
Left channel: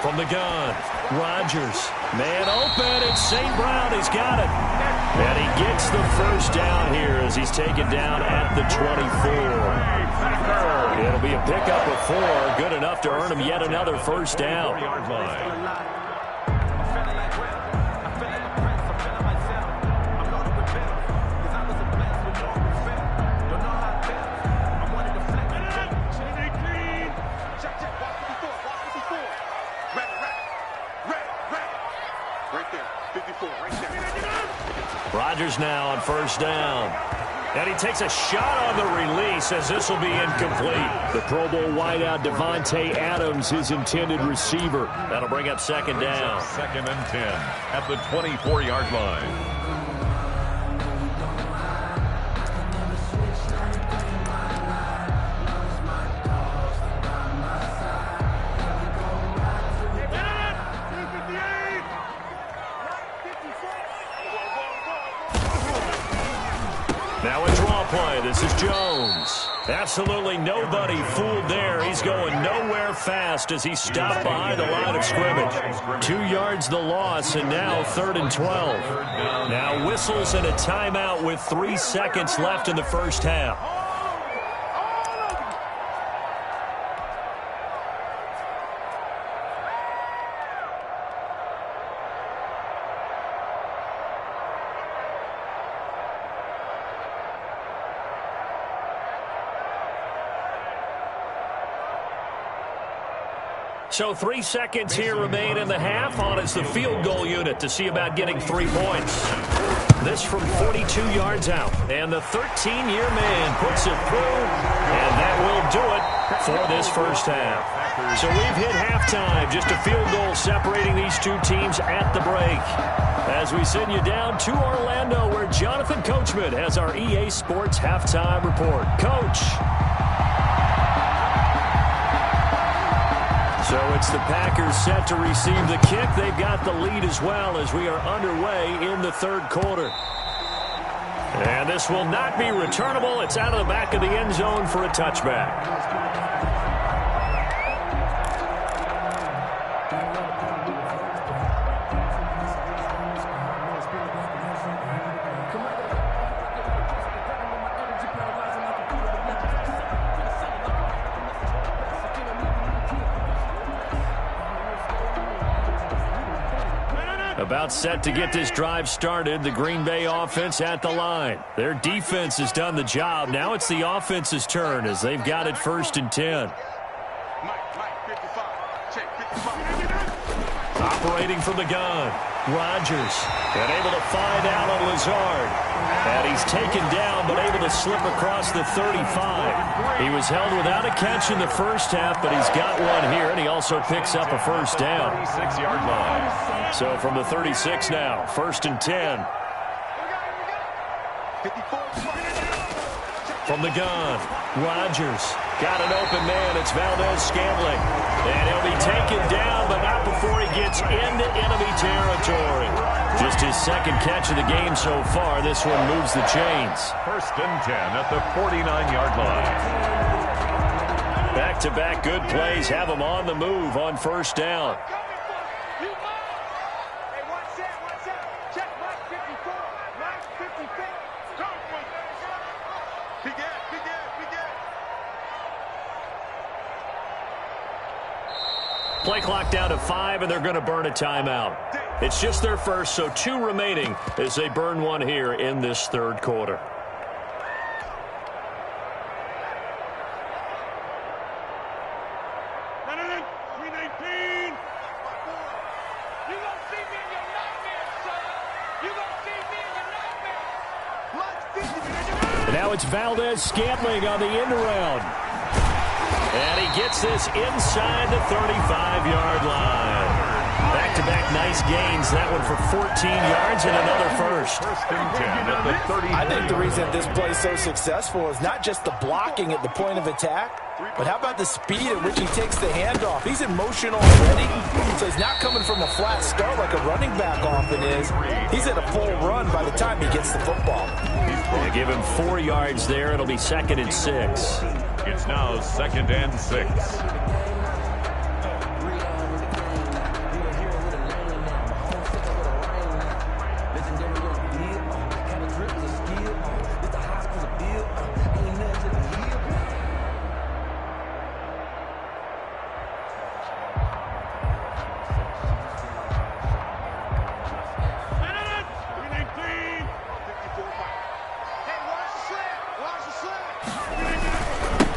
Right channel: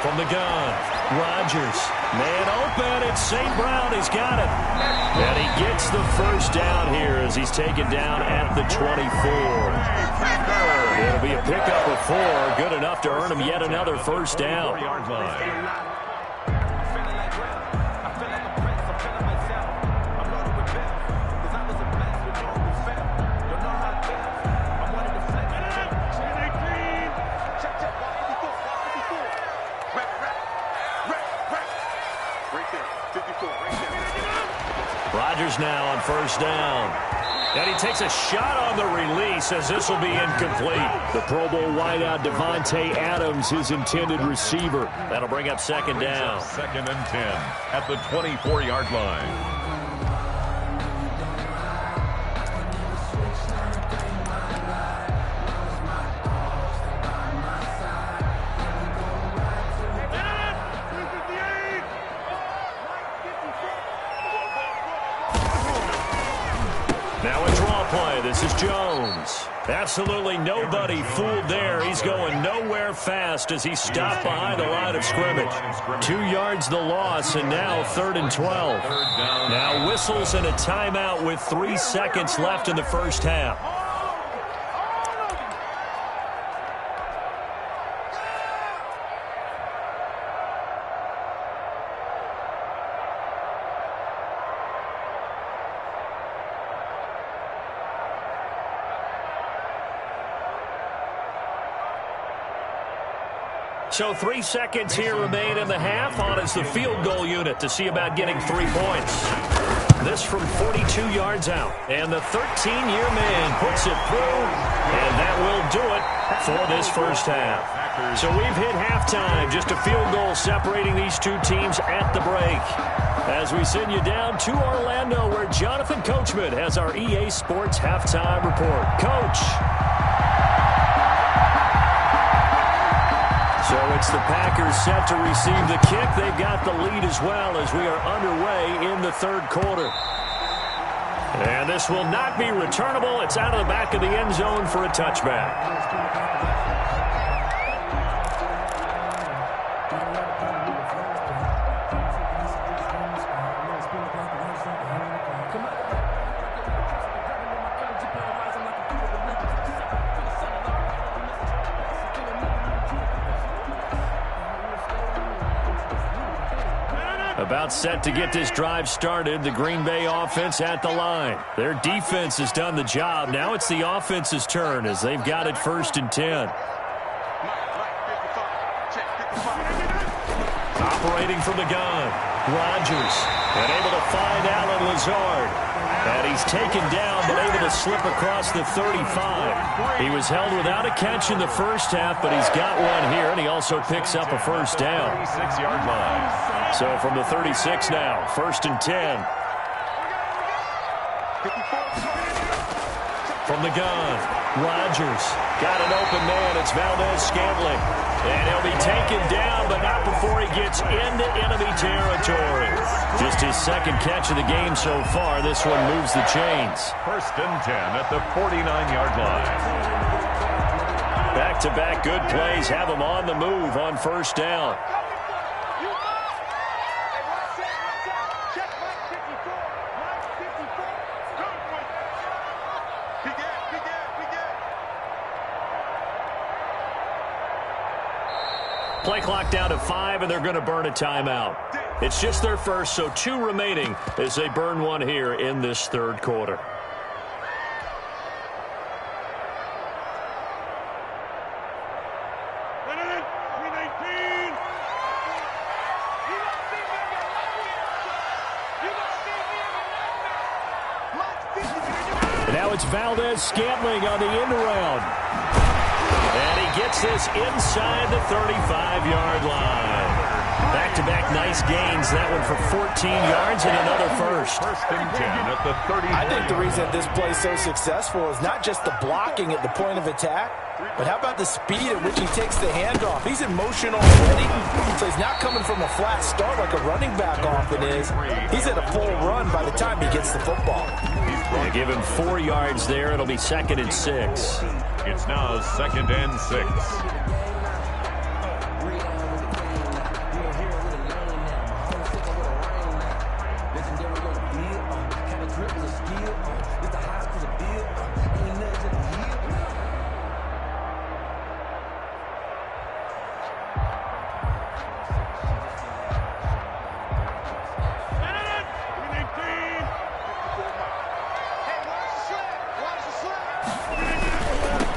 From the gun, Rodgers. Man open, it's St. Brown. He's got it. And he gets the first down here as he's taken down at the 24. It'll be a pickup of 4. Good enough to earn him yet another first down. Rodgers now on first down. And he takes a shot on the release as this will be incomplete. The Pro Bowl wideout Davante Adams, his intended receiver. That'll bring up second down. 2nd and 10 at the 24-yard line. Now a draw play. This is Jones. Absolutely nobody fooled there. He's going nowhere fast as he stopped behind the line of scrimmage. 2 yards the loss, and now 3rd and 12. Now whistles and a timeout with 3 seconds left in the first half. So 3 seconds here remain in the half. On is the field goal unit to see about getting 3 points. This from 42 yards out. And the 13-year man puts it through. And that will do it for this first half. So we've hit halftime. Just a field goal separating these two teams at the break. As we send you down to Orlando, where Jonathan Coachman has our EA Sports halftime report. Coach. So it's the Packers set to receive the kick. They've got the lead as well as we are underway in the 3rd quarter. And this will not be returnable. It's out of the back of the end zone for a touchback. About set to get this drive started. The Green Bay offense at the line. Their defense has done the job. Now it's the offense's turn as they've got it 1st and 10. Operating from the gun. Rodgers. And able to find Allen Lazard. And he's taken down but able to slip across the 35. He was held without a catch in the first half, but he's got one here, and he also picks up a first down. 36-yard line. So from the 36 now, 1st and 10. From the gun, Rodgers. Got an open man. It's Valdez-Scantling. And he'll be taken down, but not before he gets into enemy territory. Just his 2nd catch of the game so far. This one moves the chains. 1st and 10 at the 49-yard line. Back-to-back good plays have him on the move on 1st down. Play clock down to 5, and they're going to burn a timeout. It's just their first, so 2 remaining as they burn one here in this 3rd quarter. Now it's Valdez-Scantling on the end around. And he gets this inside the 35-yard line. Back-to-back nice gains. That one for 14 yards and another first. 1st and 10 at the 30. I think the reason this play is so successful is not just the blocking at the point of attack, but how about the speed at which he takes the handoff? He's in motion already, so he's not coming from a flat start like a running back often is. He's at a full run by the time he gets the football. They give him 4 yards there. It'll be 2nd and 6. It's now 2nd and 6.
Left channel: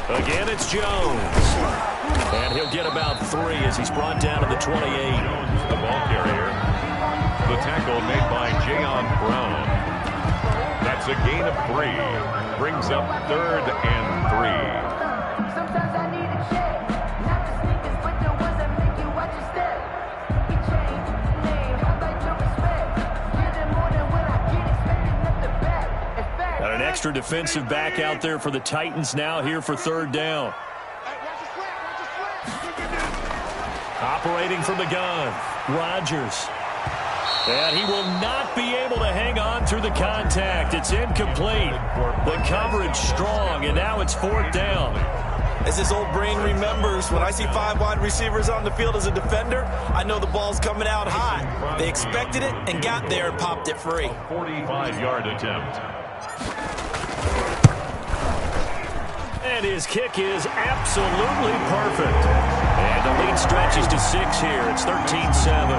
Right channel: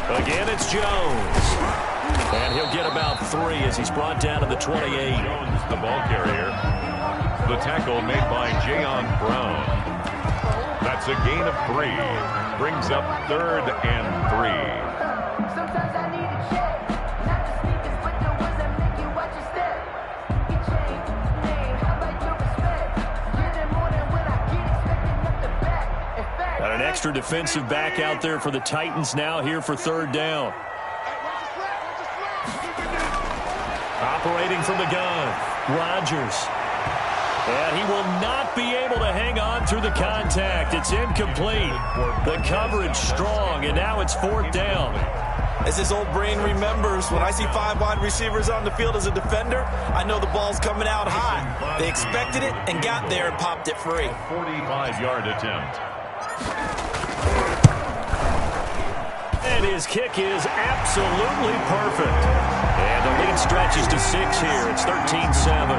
Again, it's Jones. And he'll get about 3 as he's brought down to the 28. Jones, the ball carrier. The tackle made by Jayon Brown. That's a gain of 3. Brings up 3rd and 3. Sometimes I need a check. Not the sneakers, but the ones that make you watch your step. He changed name. How about your respect? Get it more than when I get expecting nothing back. In fact, Got an extra defensive back out there for the Titans now here for 3rd down. Operating from the gun, Rodgers. And he will not be able to hang on through the contact. It's incomplete. The coverage strong, and now it's 4th down. As his old brain remembers, when I see 5 wide receivers on the field as a defender, I know the ball's coming out high. They expected it and got there and popped it free. 45-yard attempt. And his kick is absolutely perfect. And the lead stretches to 6 here. It's 13-7.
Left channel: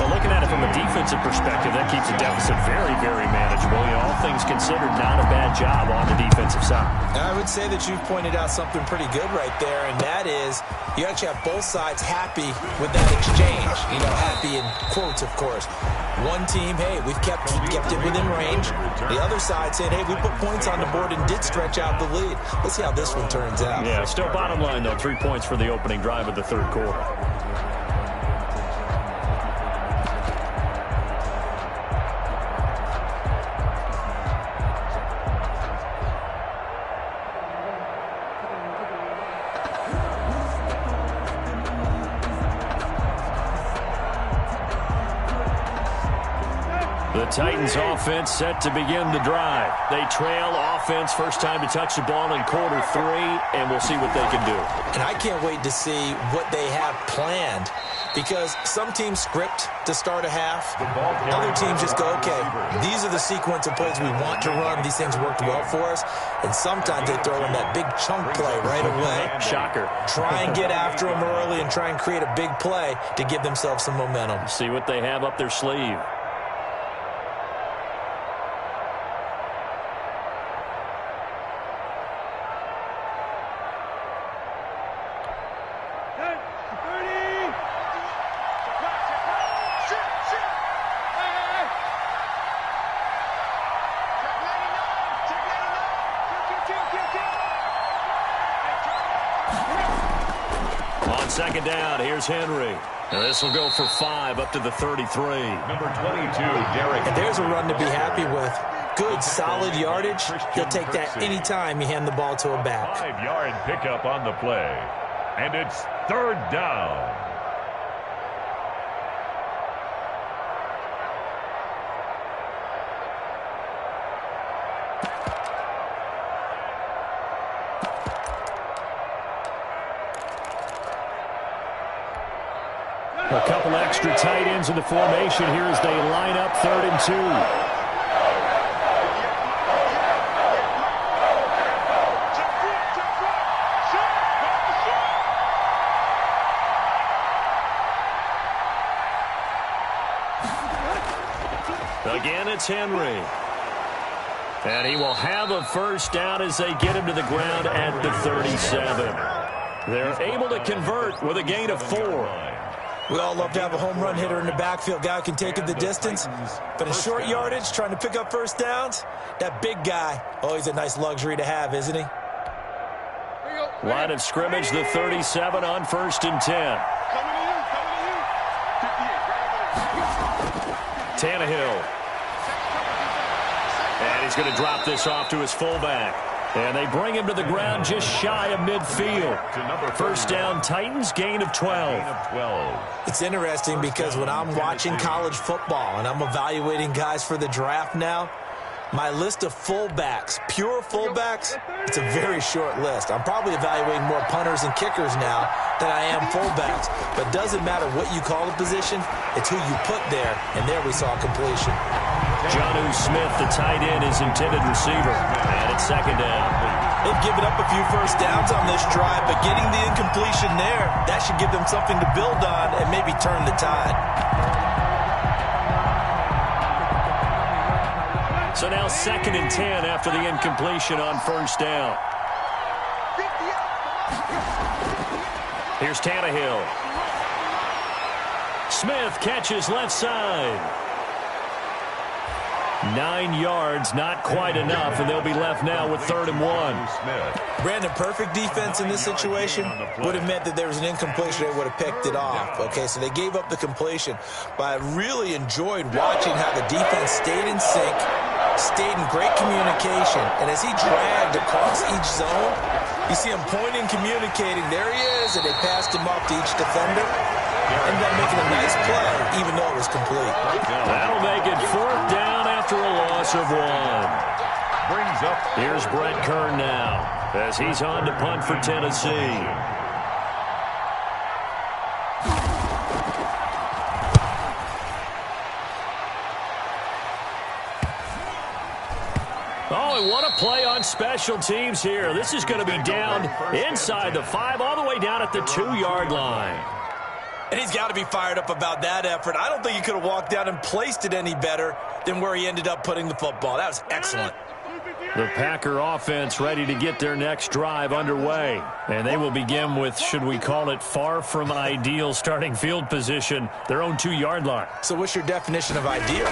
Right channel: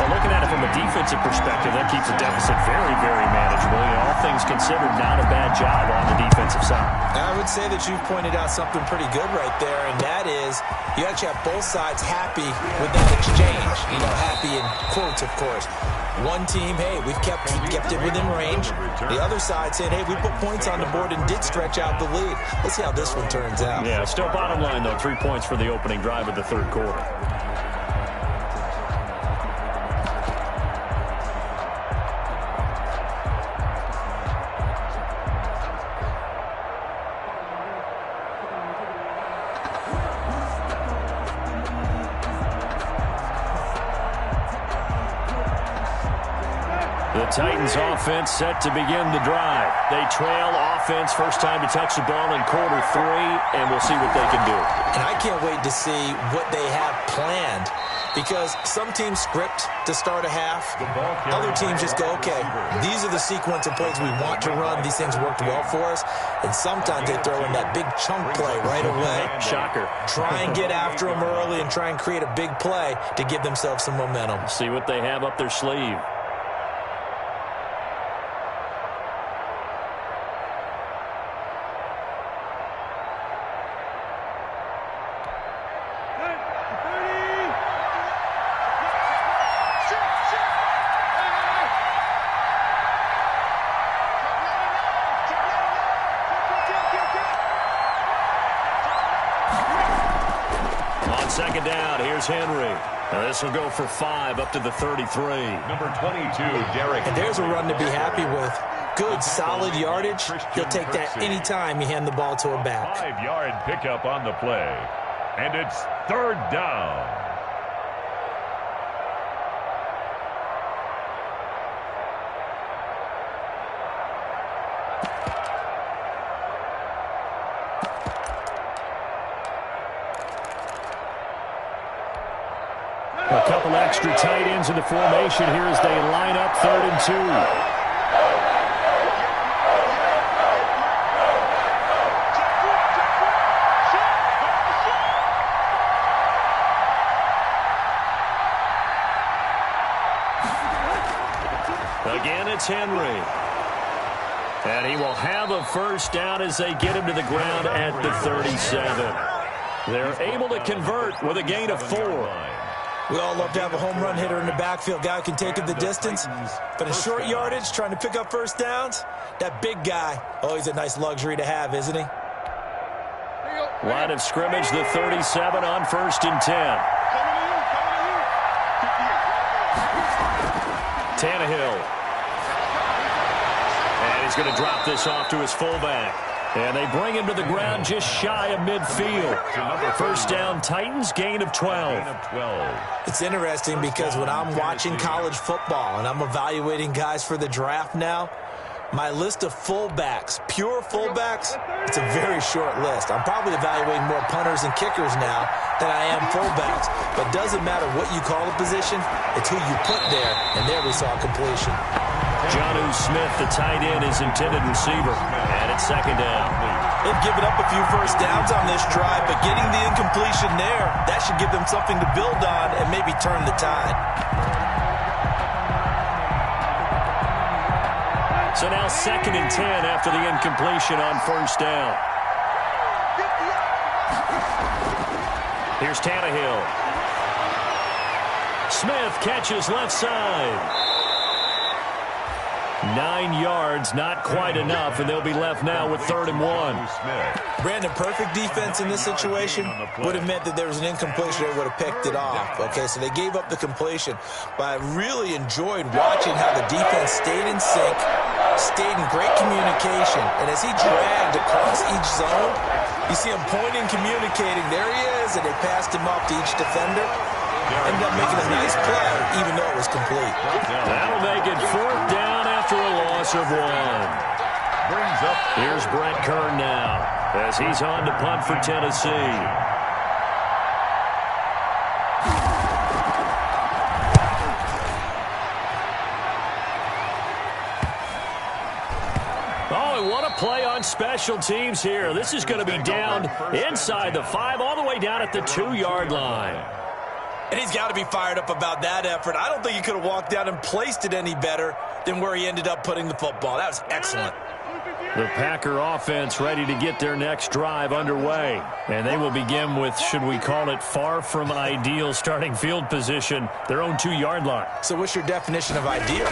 Well, looking at it from a defensive perspective, that keeps the deficit very, very manageable. You know, all things considered, not a bad job on the defensive side. I would say that you've pointed out something pretty good right there, and that is you actually have both sides happy with that exchange. You know, happy in quotes, of course. One team, hey, we've kept it within range. The other side said, hey, we put points on the board and did stretch out the lead. Let's see how this one turns out. Yeah, still bottom line, though, 3 points for the opening drive of the 3rd quarter. The Titans offense set to begin the drive. They trail offense first time to touch the ball in quarter 3, and we'll see what they can do. And I can't wait to see what they have planned, because some teams script to start a half. Other teams just go, okay, these are the sequence of plays we want to run. These things worked well for us. And sometimes they throw in that big chunk play right away. Shocker. Try and get after them early and try and create a big play to give themselves some momentum. See what they have up their sleeve. Second down, here's Henry. Now this will go for 5 up to the 33. Number 22, Derek. And there's a run to be happy with. Good, solid yardage. He'll take that anytime you hand the ball to a back. 5-yard pickup on the play. And it's third down. A couple extra tight ends in the formation here as they line up 3rd and 2. Again, it's Henry. And he will have a first down as they get him to the ground at the 37. They're able to convert with a gain of 4. We all love to have a home run hitter in the backfield. Guy who can take it the distance. But in short yardage, trying to pick up first downs, that big guy, always a nice luxury to have, isn't he? Line of scrimmage, the 37 on 1st and 10. Tannehill. And he's going to drop this off to his fullback. And they bring him to the ground just shy of midfield. First down, Titans, gain of 12. It's interesting because when I'm watching college football and I'm evaluating guys for the draft now, my list of fullbacks, pure fullbacks, it's a very short list. I'm probably evaluating more punters and kickers now than I am fullbacks. But it doesn't matter what you call a position, it's who you put there. And there we saw completion. Jonnu Smith, the tight end, is intended receiver. And it's 2nd down. They've given up a few first downs on this drive, but getting the incompletion there, that should give them something to build on and maybe turn the tide. So now 2nd and 10 after the incompletion on 1st down. Here's Tannehill. Smith catches left side. 9 yards, not quite enough, and they'll be left now with 3rd and 1. Brandon, perfect defense in this situation would have meant that there was an incompletion. They would have picked it off. Okay, so they gave up the completion, but I really enjoyed watching how the defense stayed in sync, stayed in great communication, and as he dragged across each zone, you see him pointing, communicating. There he is, and they passed him off to each defender. Ended up making a nice play, even though it was complete. That'll make it 4th down after a loss of 1. Brings up. Here's Brent Kern now as he's on to punt for Tennessee. Oh, and what a play on special teams here. This is going to be down inside the 5, all the way down at the 2-yard line. And he's got to be fired up about that effort. I don't think he could have walked down and placed it any better than where he ended up putting the football. That was excellent. The Packer offense ready to get their next drive underway. And they will begin with, should we call it, far from ideal starting field position, their own 2-yard line. So what's your definition of ideal?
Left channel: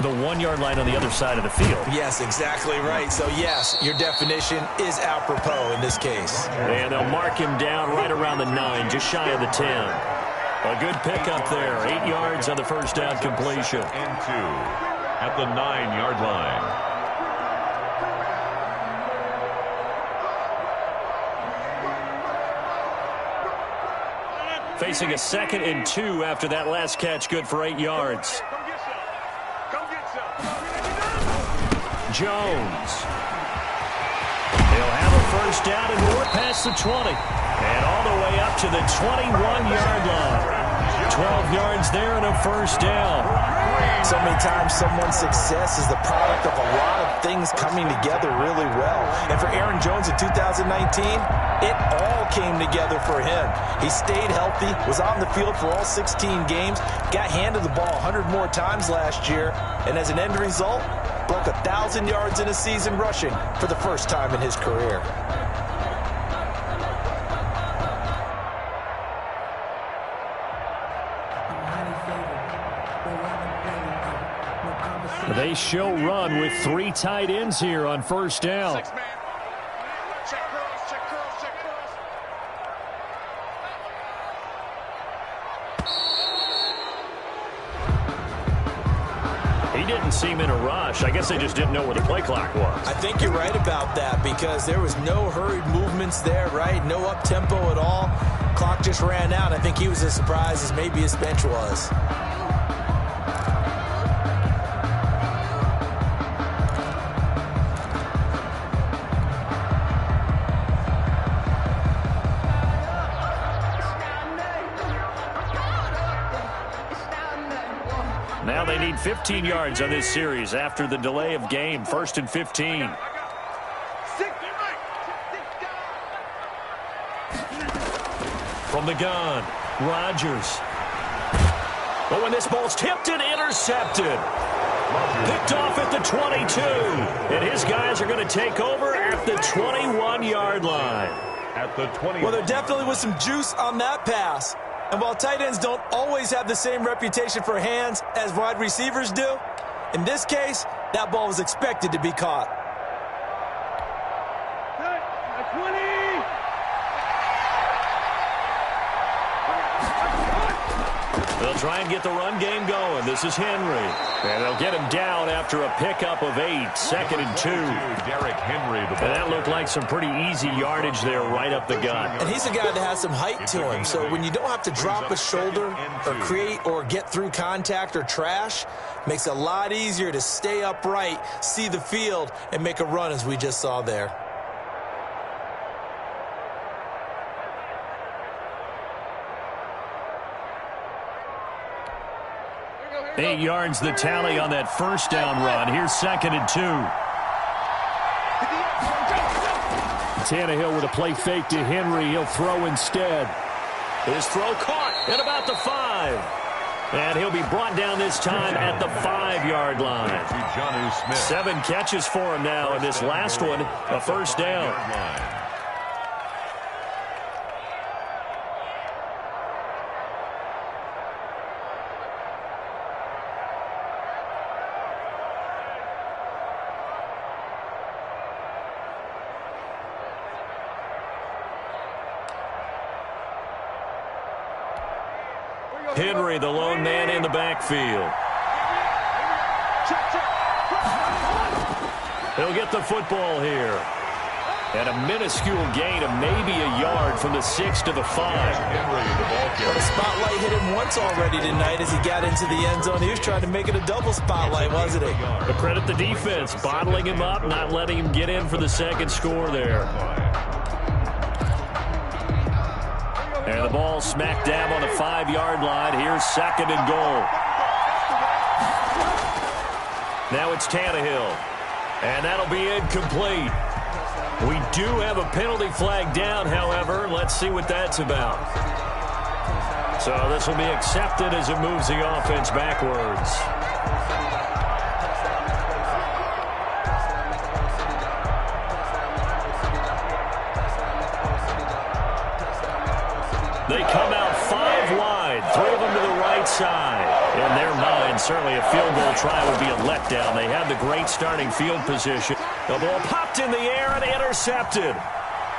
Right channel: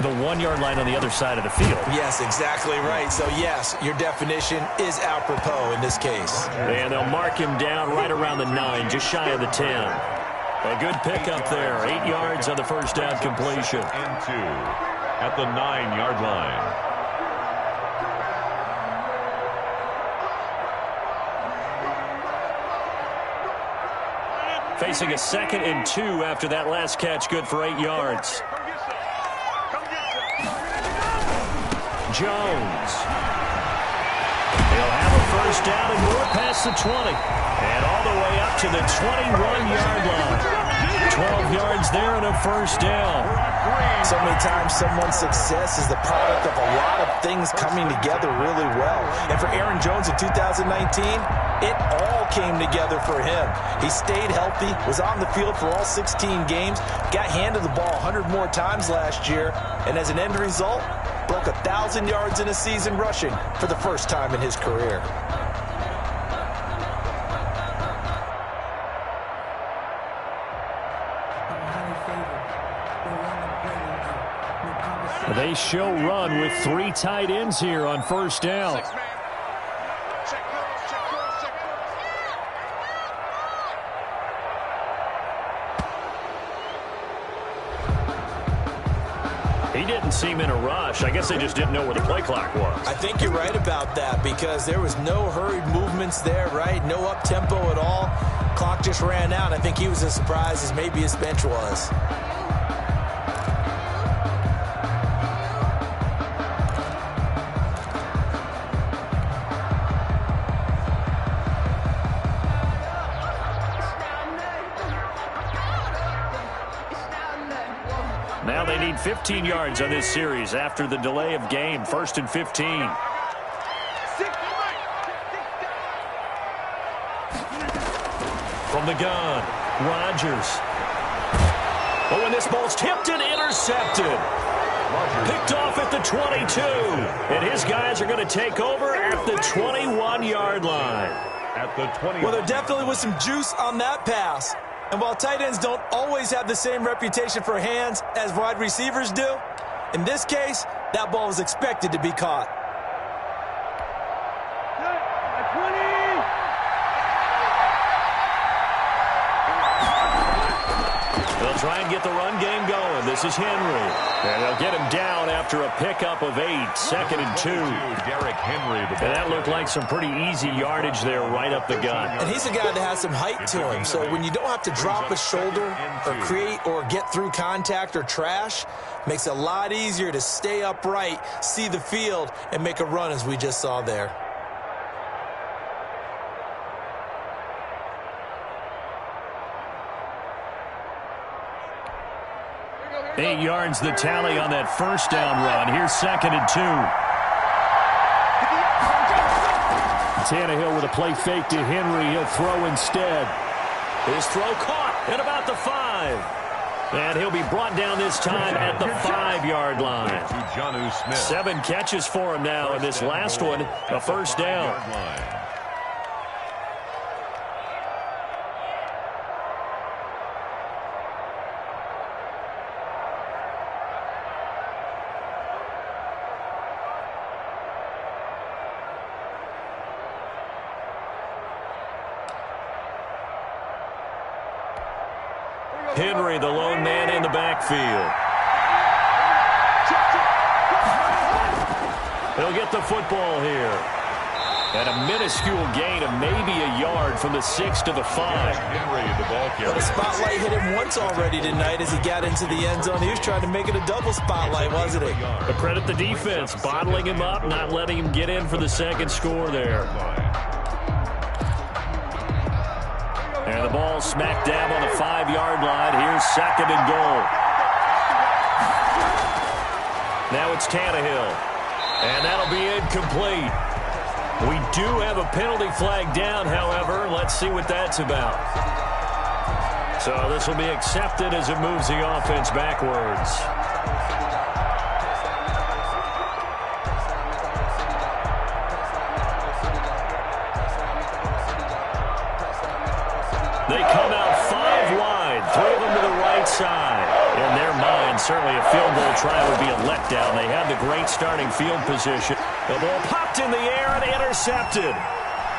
The 1-yard line on the other side of the field. Yes, exactly right. So, yes, your definition is apropos in this case. And they'll mark him down right around the 9, just shy of the 10. A good pickup there. 8 yards on the first down completion. And 2 at the 9-yard line. Facing a 2nd and 2 after that last catch, good for 8 yards. Jones. He'll have a first down and more past the 20. And all the way up to the 21-yard line. 12 yards there and a first down. So many times someone's success is the product of a lot of things coming together really well. And for Aaron Jones in 2019, it all came together for him. He stayed healthy, was on the field for all 16 games, got handed the ball 100 more times last year, and as an end result, broke 1,000 yards in a season rushing for the first time in his career. They show run with 3 tight ends here on first down. Check cross, check cross, check cross. He didn't seem in a rush. I guess they just didn't know where the play clock was. I think you're right about that because there was no hurried movements there, right? No up-tempo at all. Clock just ran out. I think he was as surprised as maybe his bench was. Now they need 15 yards on this series after the delay of game. 1st and 15. From the gun, Rodgers. But when this ball's tipped and intercepted. Picked off at the 22. And his guys are going to take over at the 21-yard line. At the 20. Well, there definitely was some juice on that pass. And while tight ends don't always have the same reputation for hands as wide receivers do, in this case, that ball was expected to be caught. They'll try and get the run game going. This is Henry. And they'll get him down after a pickup of 8. 2nd and 2. Derrick Henry. And that looked like some pretty easy yardage there right up the gut. And he's a guy that has some height to him. So when you don't have to drop a shoulder or create or get through contact or trash, makes it a lot easier to stay upright, see the field, and make a run as we just saw there. 8 yards the tally on that first down run. Here's 2nd and 2. Tannehill with a play fake to Henry. He'll throw instead. His throw caught at about the 5. And he'll be brought down this time at the 5-yard line. 7 catches for him now, and this last one, a first down. Henry, the lone man in the backfield. He'll get the football here. And a minuscule gain of maybe a yard from the 6 to the 5. Henry, the ball carrier. Well, the spotlight hit him once already tonight as he got into the end zone. He was trying to make it a double spotlight, wasn't he? But credit the defense, bottling him up, not letting him get in for the second score there. And the ball smack dab on the 5-yard line. Here's 2nd and goal. Now it's Tannehill. And that'll be incomplete. We do have a penalty flag down, however. Let's see what that's about. So this will be accepted as it moves the offense backwards. They come out 5 wide, 3 of them to the right side. In their mind, certainly a field goal try would be a letdown. They had the great starting field position. The ball popped in the air and intercepted.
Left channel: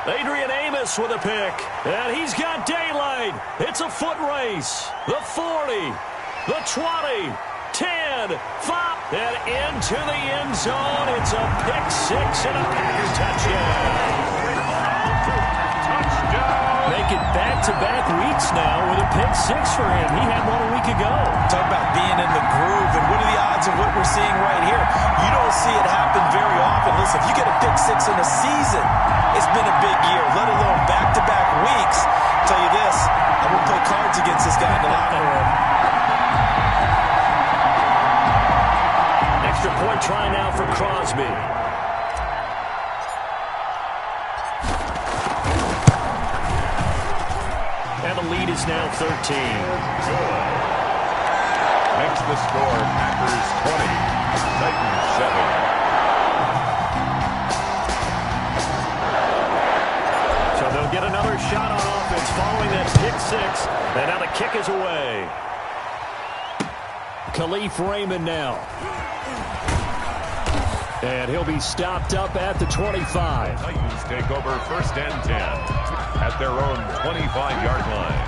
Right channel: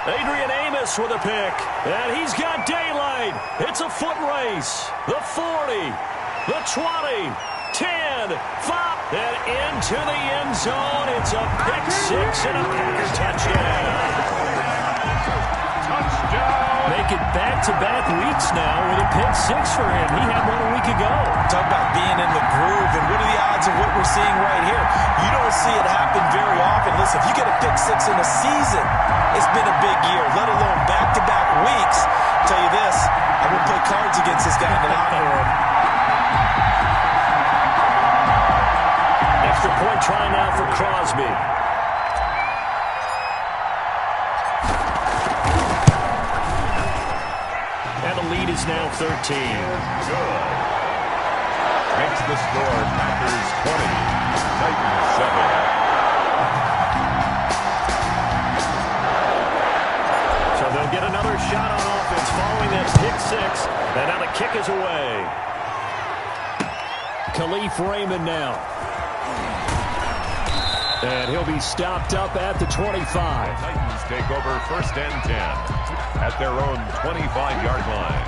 Adrian Amos with a pick, and he's got daylight. It's a foot race. The 40, the 20, 10, 5, and into the end zone. It's a pick 6 and a Packer touchdown. Touchdown! Make it back-to-back weeks now with a pick six for him. He had one a week ago. Talk about being in the groove, and what are the odds of what we're seeing right here? You don't see it happen very often. Listen, if you get a pick six in a season, it's been a big year, let alone back-to-back weeks. I'll tell you this, I won't play cards against this guy in the locker room. Extra point try now for Crosby. And the lead is now 13. Good. Makes the score Packers 20, Titans 7. So they'll get another shot on offense following that pick six. And now the kick is away. Khalif Raymond now. And he'll be stopped up at the 25. Titans take over first and 10 at their own 25-yard line.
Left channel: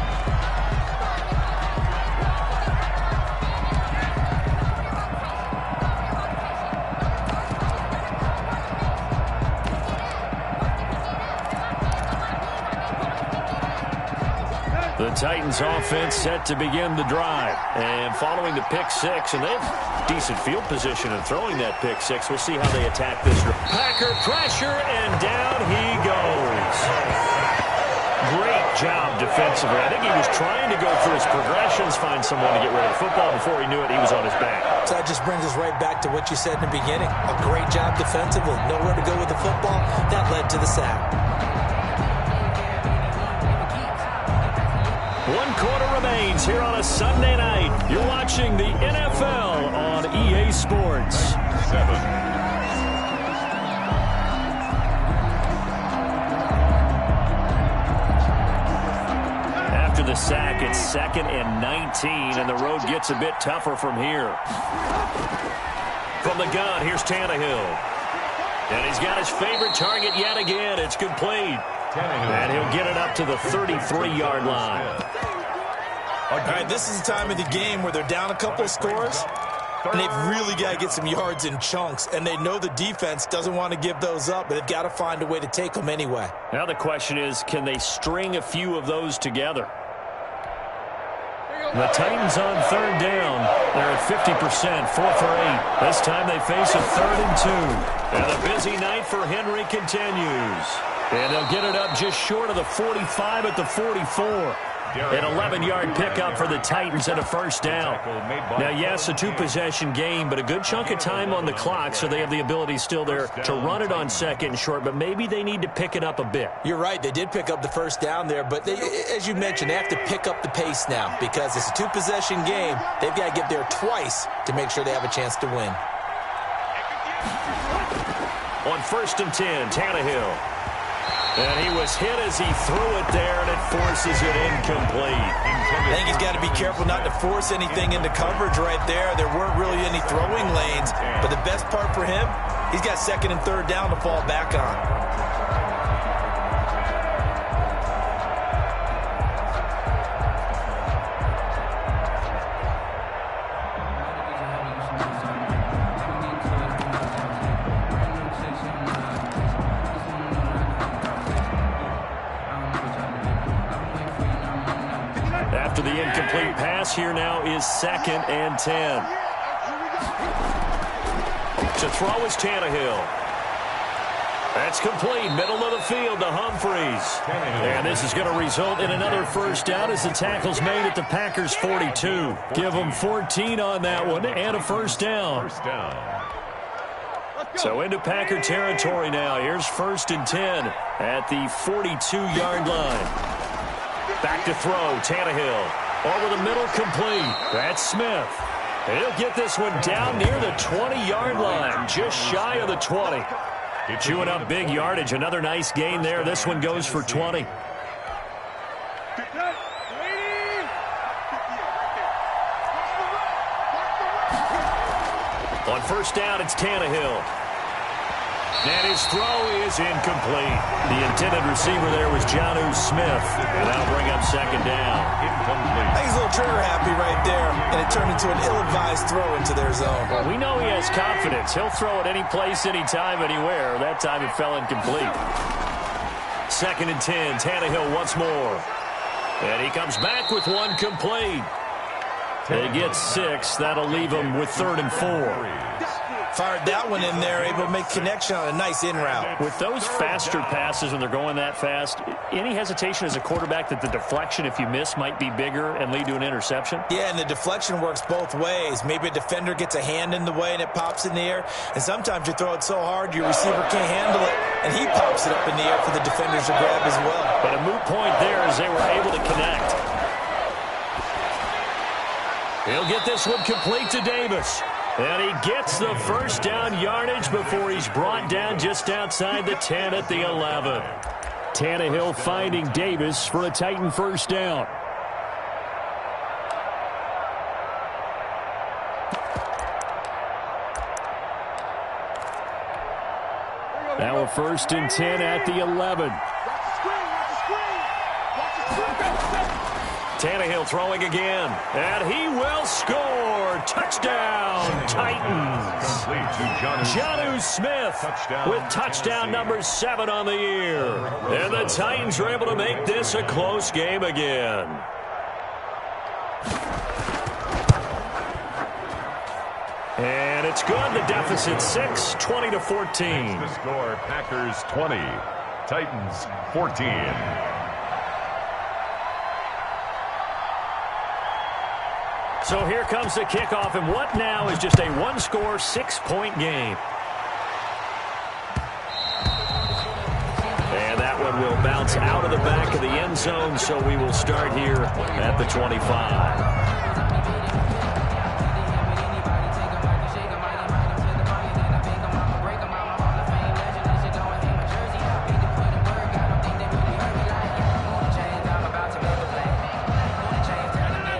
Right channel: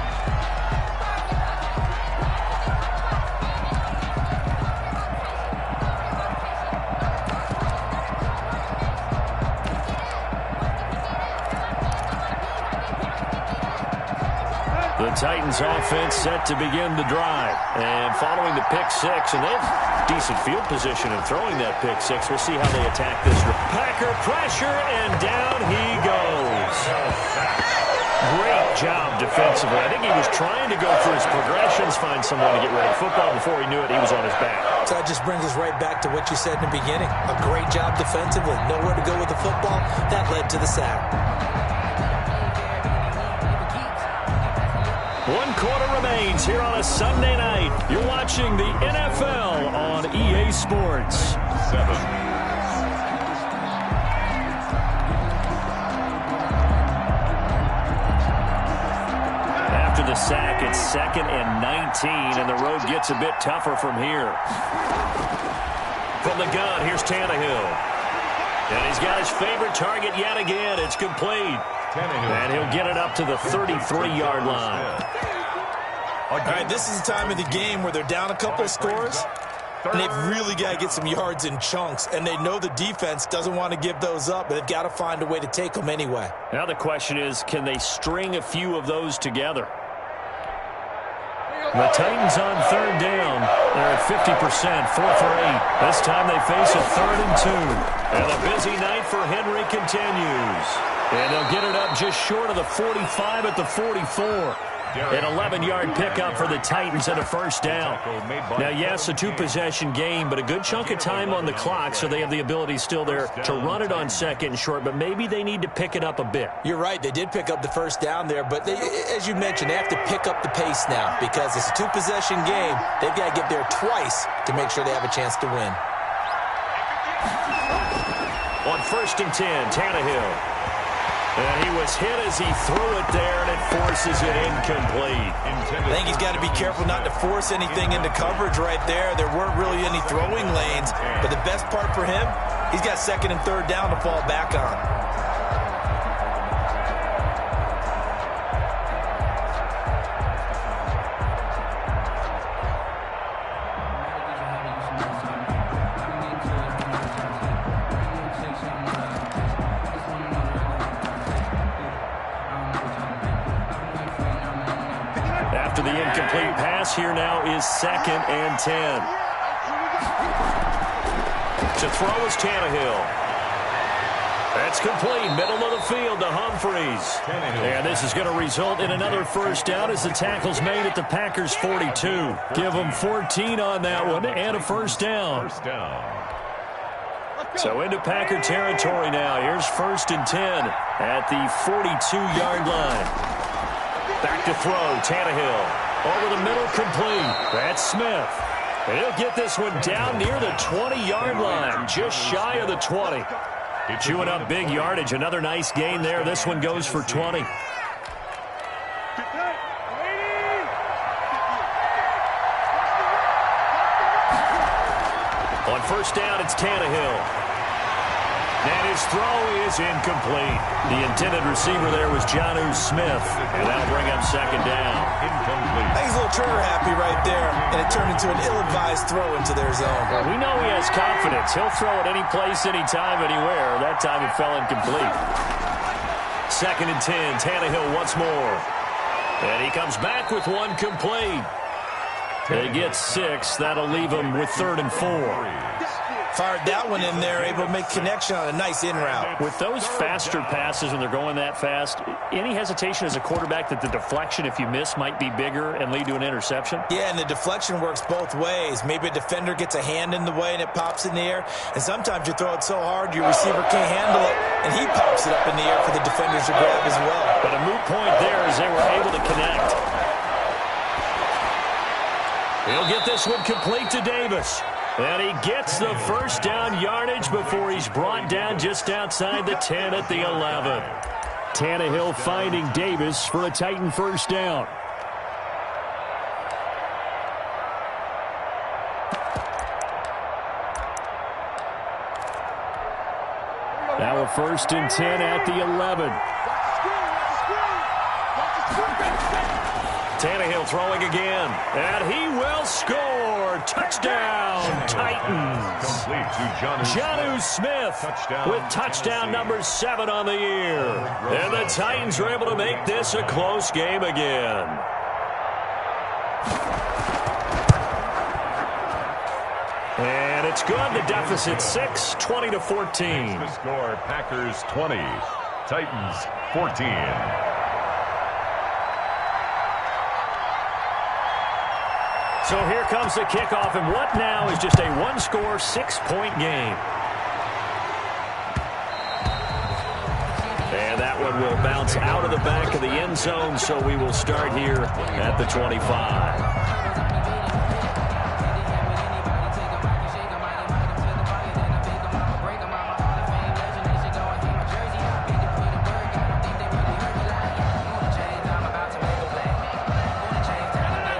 The Titans offense set to begin the drive. And following the pick six, and they have decent field position in throwing that pick six. We'll see how they attack this. Packer pressure, and down he goes. Great job defensively. I think he was trying to go through his progressions, find someone to get rid of the football. Before he knew it, he was on his back. So that just brings us right back to what you said in the beginning. A great job defensively. Nowhere to go with the football. That led to the sack. 1 quarter remains here on a Sunday night. You're watching the NFL on EA Sports. 7. After the sack, it's 2nd and 19, and the road gets a bit tougher from here. From the gun, here's Tannehill. And he's got his favorite target yet again. It's complete. And he'll get it up to the 33-yard line. All right, this is the time of the game where they're down a couple of scores, and they've really got to get some yards in chunks, and they know the defense doesn't want to give those up, but they've got to find a way to take them anyway. Now the question is, can they string a few of those together? The Titans on 3rd down. They're at 50%, 4 for 8. This time they face a 3rd and 2. And the busy night for Henry continues. And they'll get it up just short of the 45 at the 44. An 11-yard pickup for the Titans and a first down. Now, yes, a two-possession game, but a good chunk of time on the clock, so they have the ability still there to run it on 2nd and short, but maybe they need to pick it up a bit. You're right. They did pick up the first down there, but as you mentioned, they have to pick up the pace now because it's a two-possession game. They've got to get there twice to make sure they have a chance to win. On 1st and 10, Tannehill. And he was hit as he threw it there, and it forces it incomplete. I think he's got to be careful not to force anything into coverage right there. There weren't really any throwing lanes, but the best part for him, he's got 2nd and 3rd down to fall back on. After the incomplete pass, here now is 2nd and 10. To throw is Tannehill. That's complete, middle of the field to Humphries. And this is going to result in another first down as the tackle's made at the Packers' 42. Give them 14 on that one and a first down. So into Packer territory now. Here's 1st and 10 at the 42-yard line. Back to throw, Tannehill. Over the middle, complete. That's Smith. And he'll get this one down near the 20-yard line, just shy of the 20. Chewing up big yardage. Another nice gain there. This one goes for 20. On first down, it's Tannehill. And his throw is incomplete. The intended receiver there was Jonnu Smith. And that'll bring up 2nd down. Incomplete. I think he's a little trigger happy right there. And it turned into an ill-advised throw into their zone. Well, we know he has confidence. He'll throw it any place, anytime, anywhere. That time it fell incomplete. 2nd and 10. Tannehill once more. And he comes back with one complete. They get 6. That'll leave him with 3rd and 4. Fired that one in there, able to make connection on a nice in route. With those faster passes when they're going that fast, any hesitation as a quarterback that the deflection, if you miss, might be bigger and lead to an interception? Yeah, and the deflection works both ways. Maybe a defender gets a hand in the way and it pops in the air. And sometimes you throw it so hard your receiver can't handle it, and he pops it up in the air for the defenders to grab as well. But a moot point there as they were able to connect. He'll get this one complete to Davis. And he gets the first down yardage before he's brought down just outside the 10 at the 11. Tannehill finding Davis for a Titan first down. Now a 1st and 10 at the 11. Tannehill throwing again, and he will score. Touchdown, Titans. Complete to Jonnu Smith with touchdown number 7 on the year. And the Titans are able to make this a close game again. And it's good. The deficit 6, 20-14. The score, Packers 20, Titans 14. So here comes the kickoff, and what now is just a one-score, 6-point game. And that one will bounce out of the back of the end zone, so we will start here at the 25.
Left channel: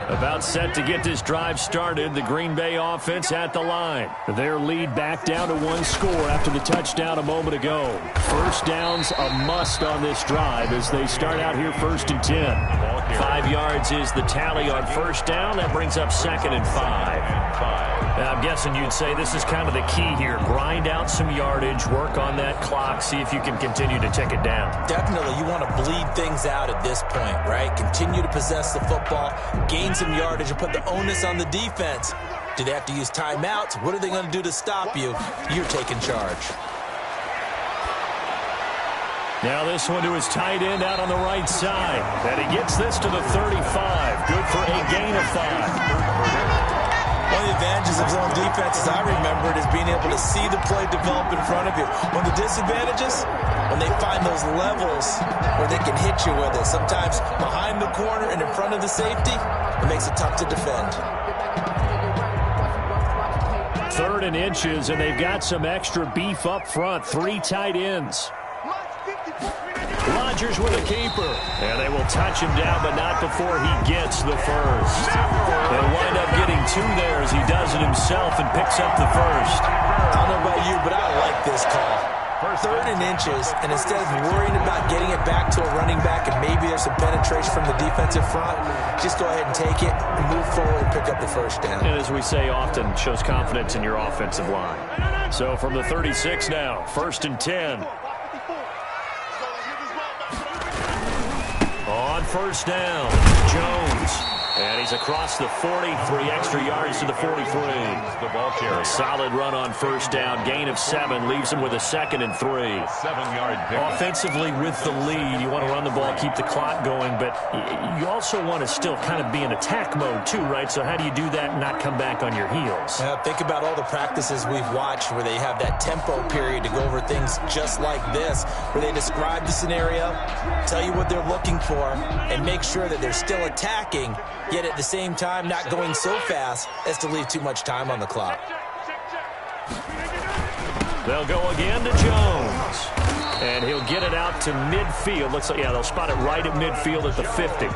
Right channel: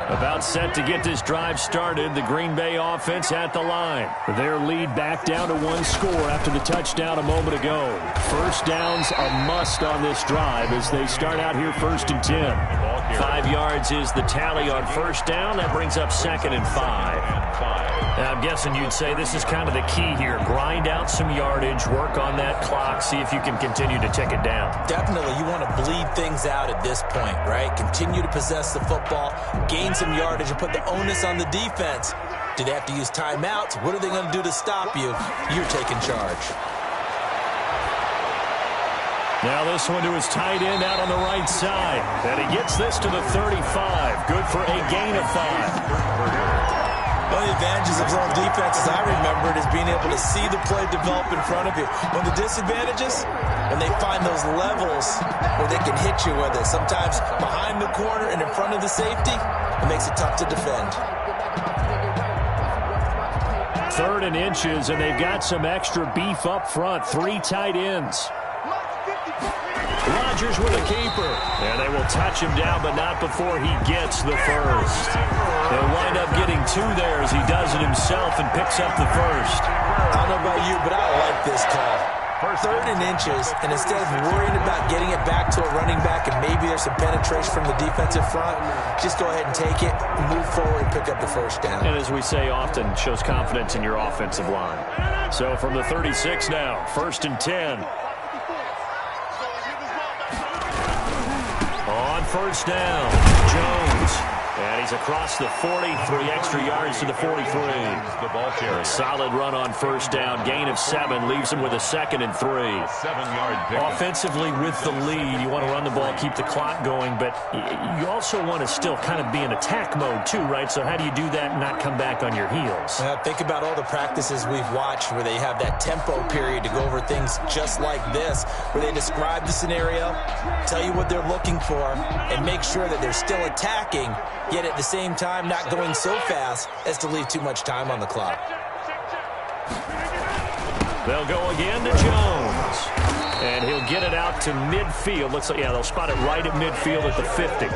About set to get this drive started. The Green Bay offense at the line. Their lead back down to 1 score after the touchdown a moment ago. First down's a must on this drive as they start out here 1st and 10. 5 yards is the tally on first down. That brings up 2nd and 5. Now, I'm guessing you'd say this is kind of the key here. Grind out some yardage, work on that clock, see if you can continue to tick it down. Definitely, you want to bleed things out at this point, right? Continue to possess the football, gain some yardage, and put the onus on the defense. Do they have to use timeouts? What are they going to do to stop you? You're taking charge. Now this one to his tight end out on the right side. And he gets this to the 35. Good for a gain of 5. One of the advantages of zone defense, as I remember it, is being able to see the play develop in front of you. One of the disadvantages, when they find those levels where they can hit you with it. Sometimes behind the corner and in front of the safety, it makes it tough to defend. 3rd and inches, and they've got some extra beef up front. 3 tight ends. Rodgers with a keeper. And they will touch him down, but not before he gets the first. They'll wind up getting 2 there as he does it himself and picks up the first. I don't know about you, but I like this call. 3rd and inches, and instead of worrying about getting it back to a running back and maybe there's some penetration from the defensive front, just go ahead and take it, move forward, and pick up the first down. And as we say often, shows confidence in your offensive line. So from the 36 now, 1st and 10. On first down, Jones. And he's across the 40, 3 extra yards to the 43. The ball carrier. A solid run on first down, gain of 7, leaves him with a 2nd and 3. 7-yard pickup. Offensively with the lead, you want to run the ball, keep the clock going, but you also want to still kind of be in attack mode too, right? So how do you do that and not come back on your heels? Think about all the practices we've watched where they have that tempo period to go over things just like this, where they describe the scenario, tell you what they're looking for, and make sure that they're still attacking, yet at the same time not going so fast as to leave too much time on the clock. They'll go again to Jones. And he'll get it out to midfield. Looks like, yeah, they'll spot it right at midfield at the 50.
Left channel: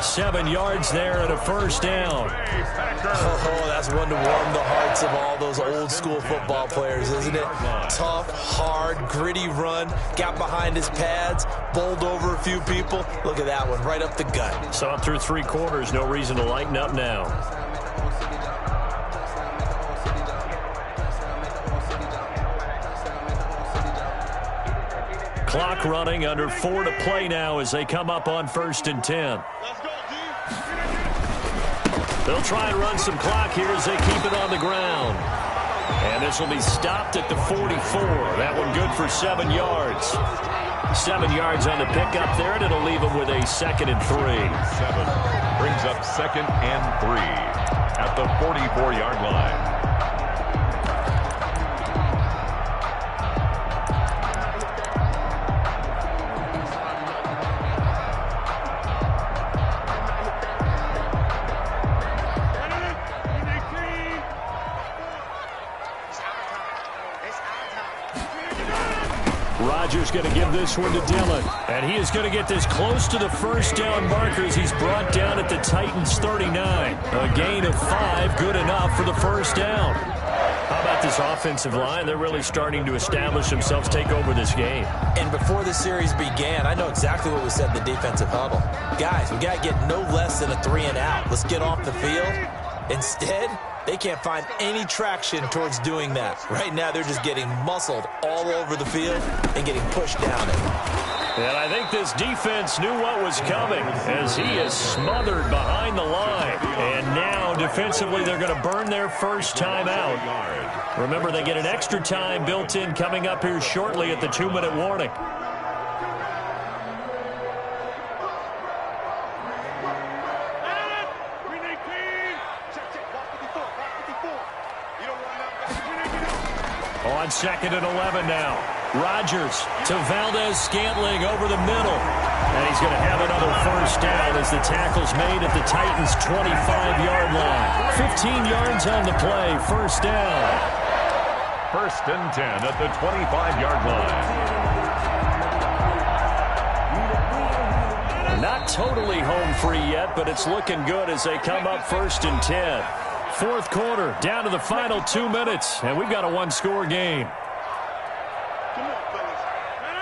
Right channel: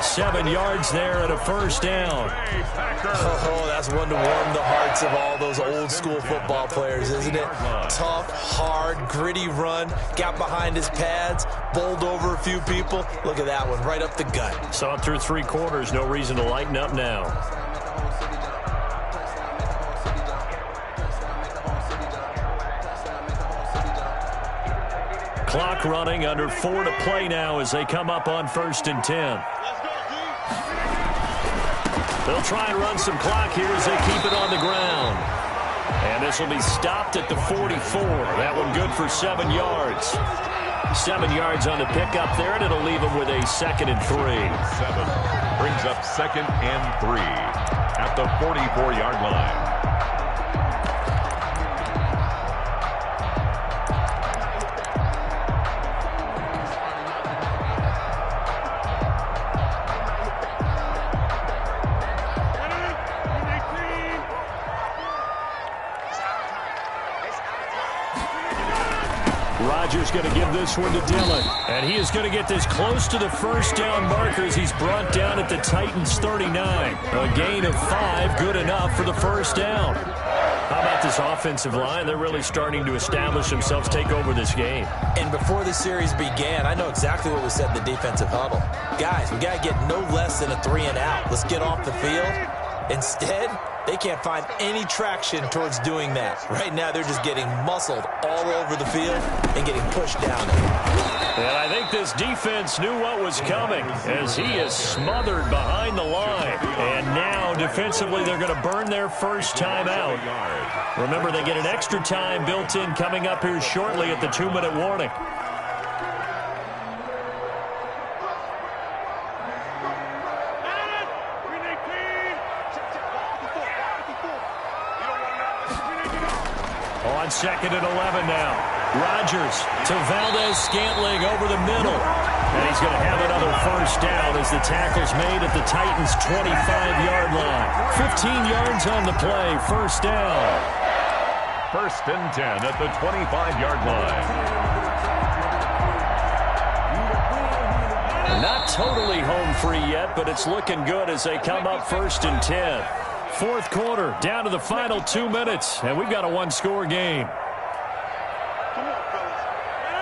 7 yards there and a first down. Oh, that's one to warm the hearts of all those old school football players, isn't it? Tough, hard, gritty run. Got behind his pads, bowled over a few people. Look at that one, right up the gut. Saw it through 3 quarters. No reason to lighten up now. Clock running, under 4 to play now as they come up on 1st and 10. They'll try and run some clock here as they keep it on the ground. And this will be stopped at the 44. That one good for 7 yards. 7 yards on the pickup there, and it'll leave them with a 2nd and 3. 7 brings up 2nd and 3 at the 44-yard line. Rodgers going to give this one to Dillon. And he is going to get this close to the first down markers. He's brought down at the Titans 39. A gain of 5, good enough for the first down. How about this offensive line? They're really starting to establish themselves, take over this game. And before the series began, I know exactly what was said in the defensive huddle. Guys, we got to get no less than a 3 and out. Let's get off the field. Instead, they can't find any traction towards doing that. Right now, they're just getting muscled all over the field and getting pushed down it. And I think this defense knew what was coming as he is smothered behind the line. And now, defensively, they're going to burn their first time out. Remember, they get an extra time built in coming up here shortly at the 2-minute warning. On 2nd and 11 now. Rodgers to Valdez-Scantling over the middle. And he's going to have another first down as the tackle's made at the Titans' 25-yard line. 15 yards on the play. First down. 1st and 10 at the 25-yard line. Not totally home free yet, but it's looking good as they come up 1st and 10. 4th quarter, down to the final 2 minutes, and we've got a 1-score game.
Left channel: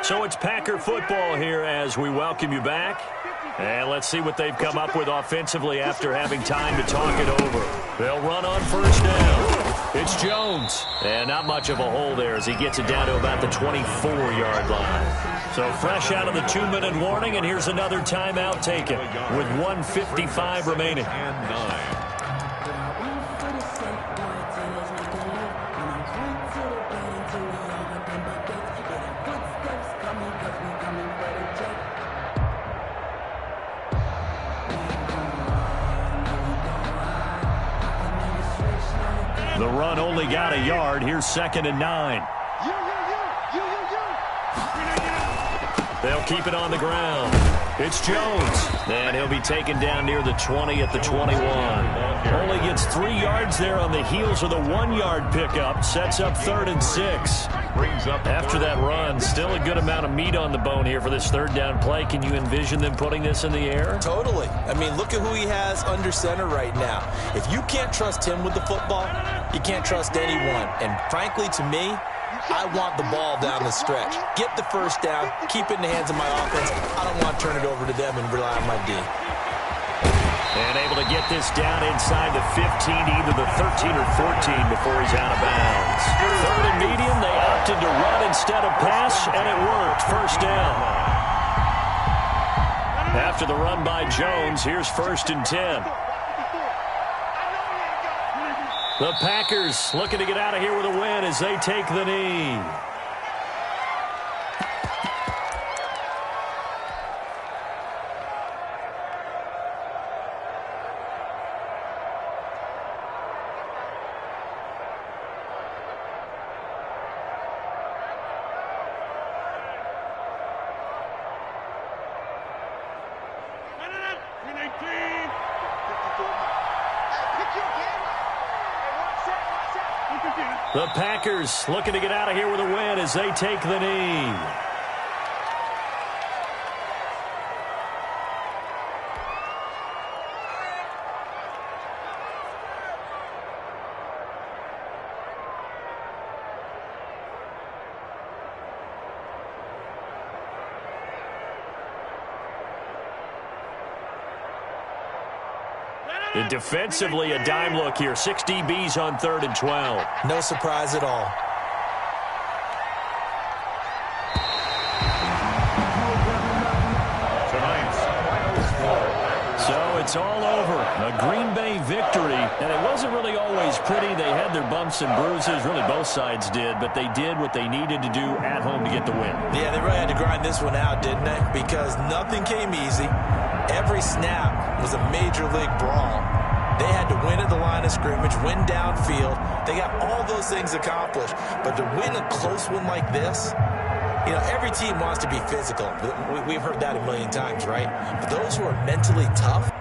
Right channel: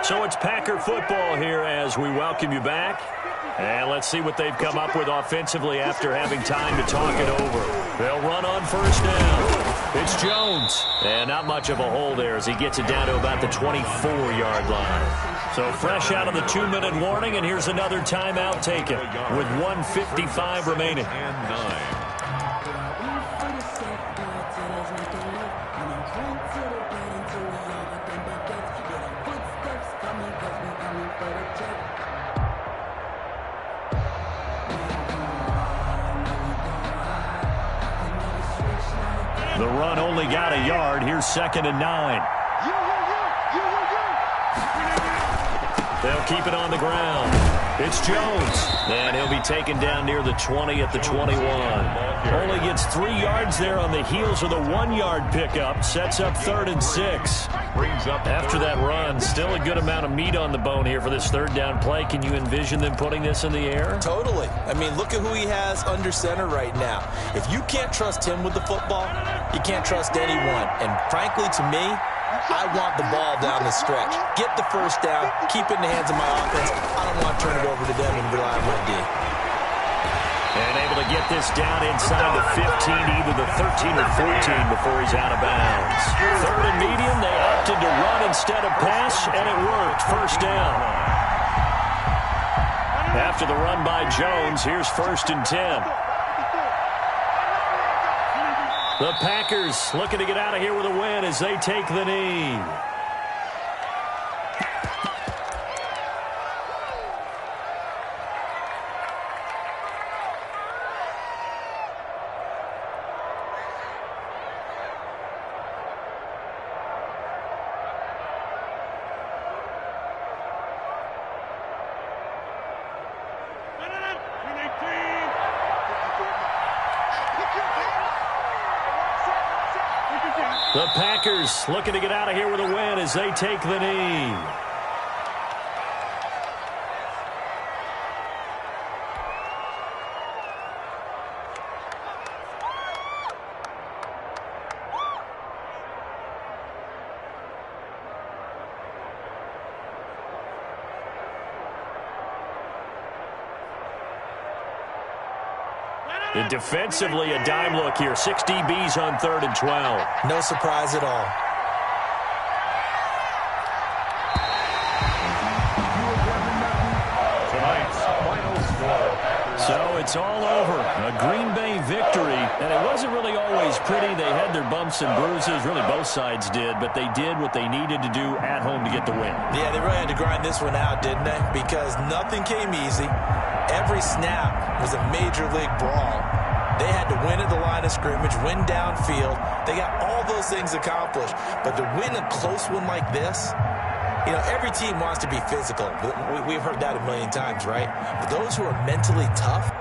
So it's Packer football here as we welcome you back. And let's see what they've come up with offensively after having time to talk it over. They'll run on first down. It's Jones. And not much of a hole there as he gets it down to about the 24-yard line. So fresh out of the 2-minute warning, and here's another timeout taken with 1:55 remaining. And 9. The run only got a yard. Here's 2nd and 9. They'll keep it on the ground. It's Jones. And he'll be taken down near the 20 at the 21. Only gets 3 yards there on the heels of the 1-yard pickup. Sets up 3rd and 6. After that run, still a good amount of meat on the bone here for this 3rd down play. Can you envision them putting this in the air? Totally. I mean, look at who he has under center right now. If you can't trust him with the football, you can't trust anyone. And frankly, to me, I want the ball down the stretch. Get the first down, keep it in the hands of my offense. I don't want to turn it over to them and rely on my D. And able to get this down inside the 15, either the 13 or 14 before he's out of bounds. 3rd and medium, they opted to run instead of pass, and it worked. First down. After the run by Jones, here's 1st and 10. The Packers looking to get out of here with a win as they take the knee. The Packers looking to get out of here with a win as they take the knee. And defensively, a dime look here. 6 DBs on 3rd and 12. No surprise at all. it's all over. A Green Bay victory, and it wasn't really always pretty. They had their bumps and bruises. Really, both sides did, but they did what they needed to do at home to get the win. Yeah, they really had to grind this one out, didn't they? Because nothing came easy. Every snap was a major league brawl. They had to win at the line of scrimmage, win downfield. They got all those things accomplished. But to win a close one like this, you know, every team wants to be physical. We've heard that a million times, right? But those who are mentally tough,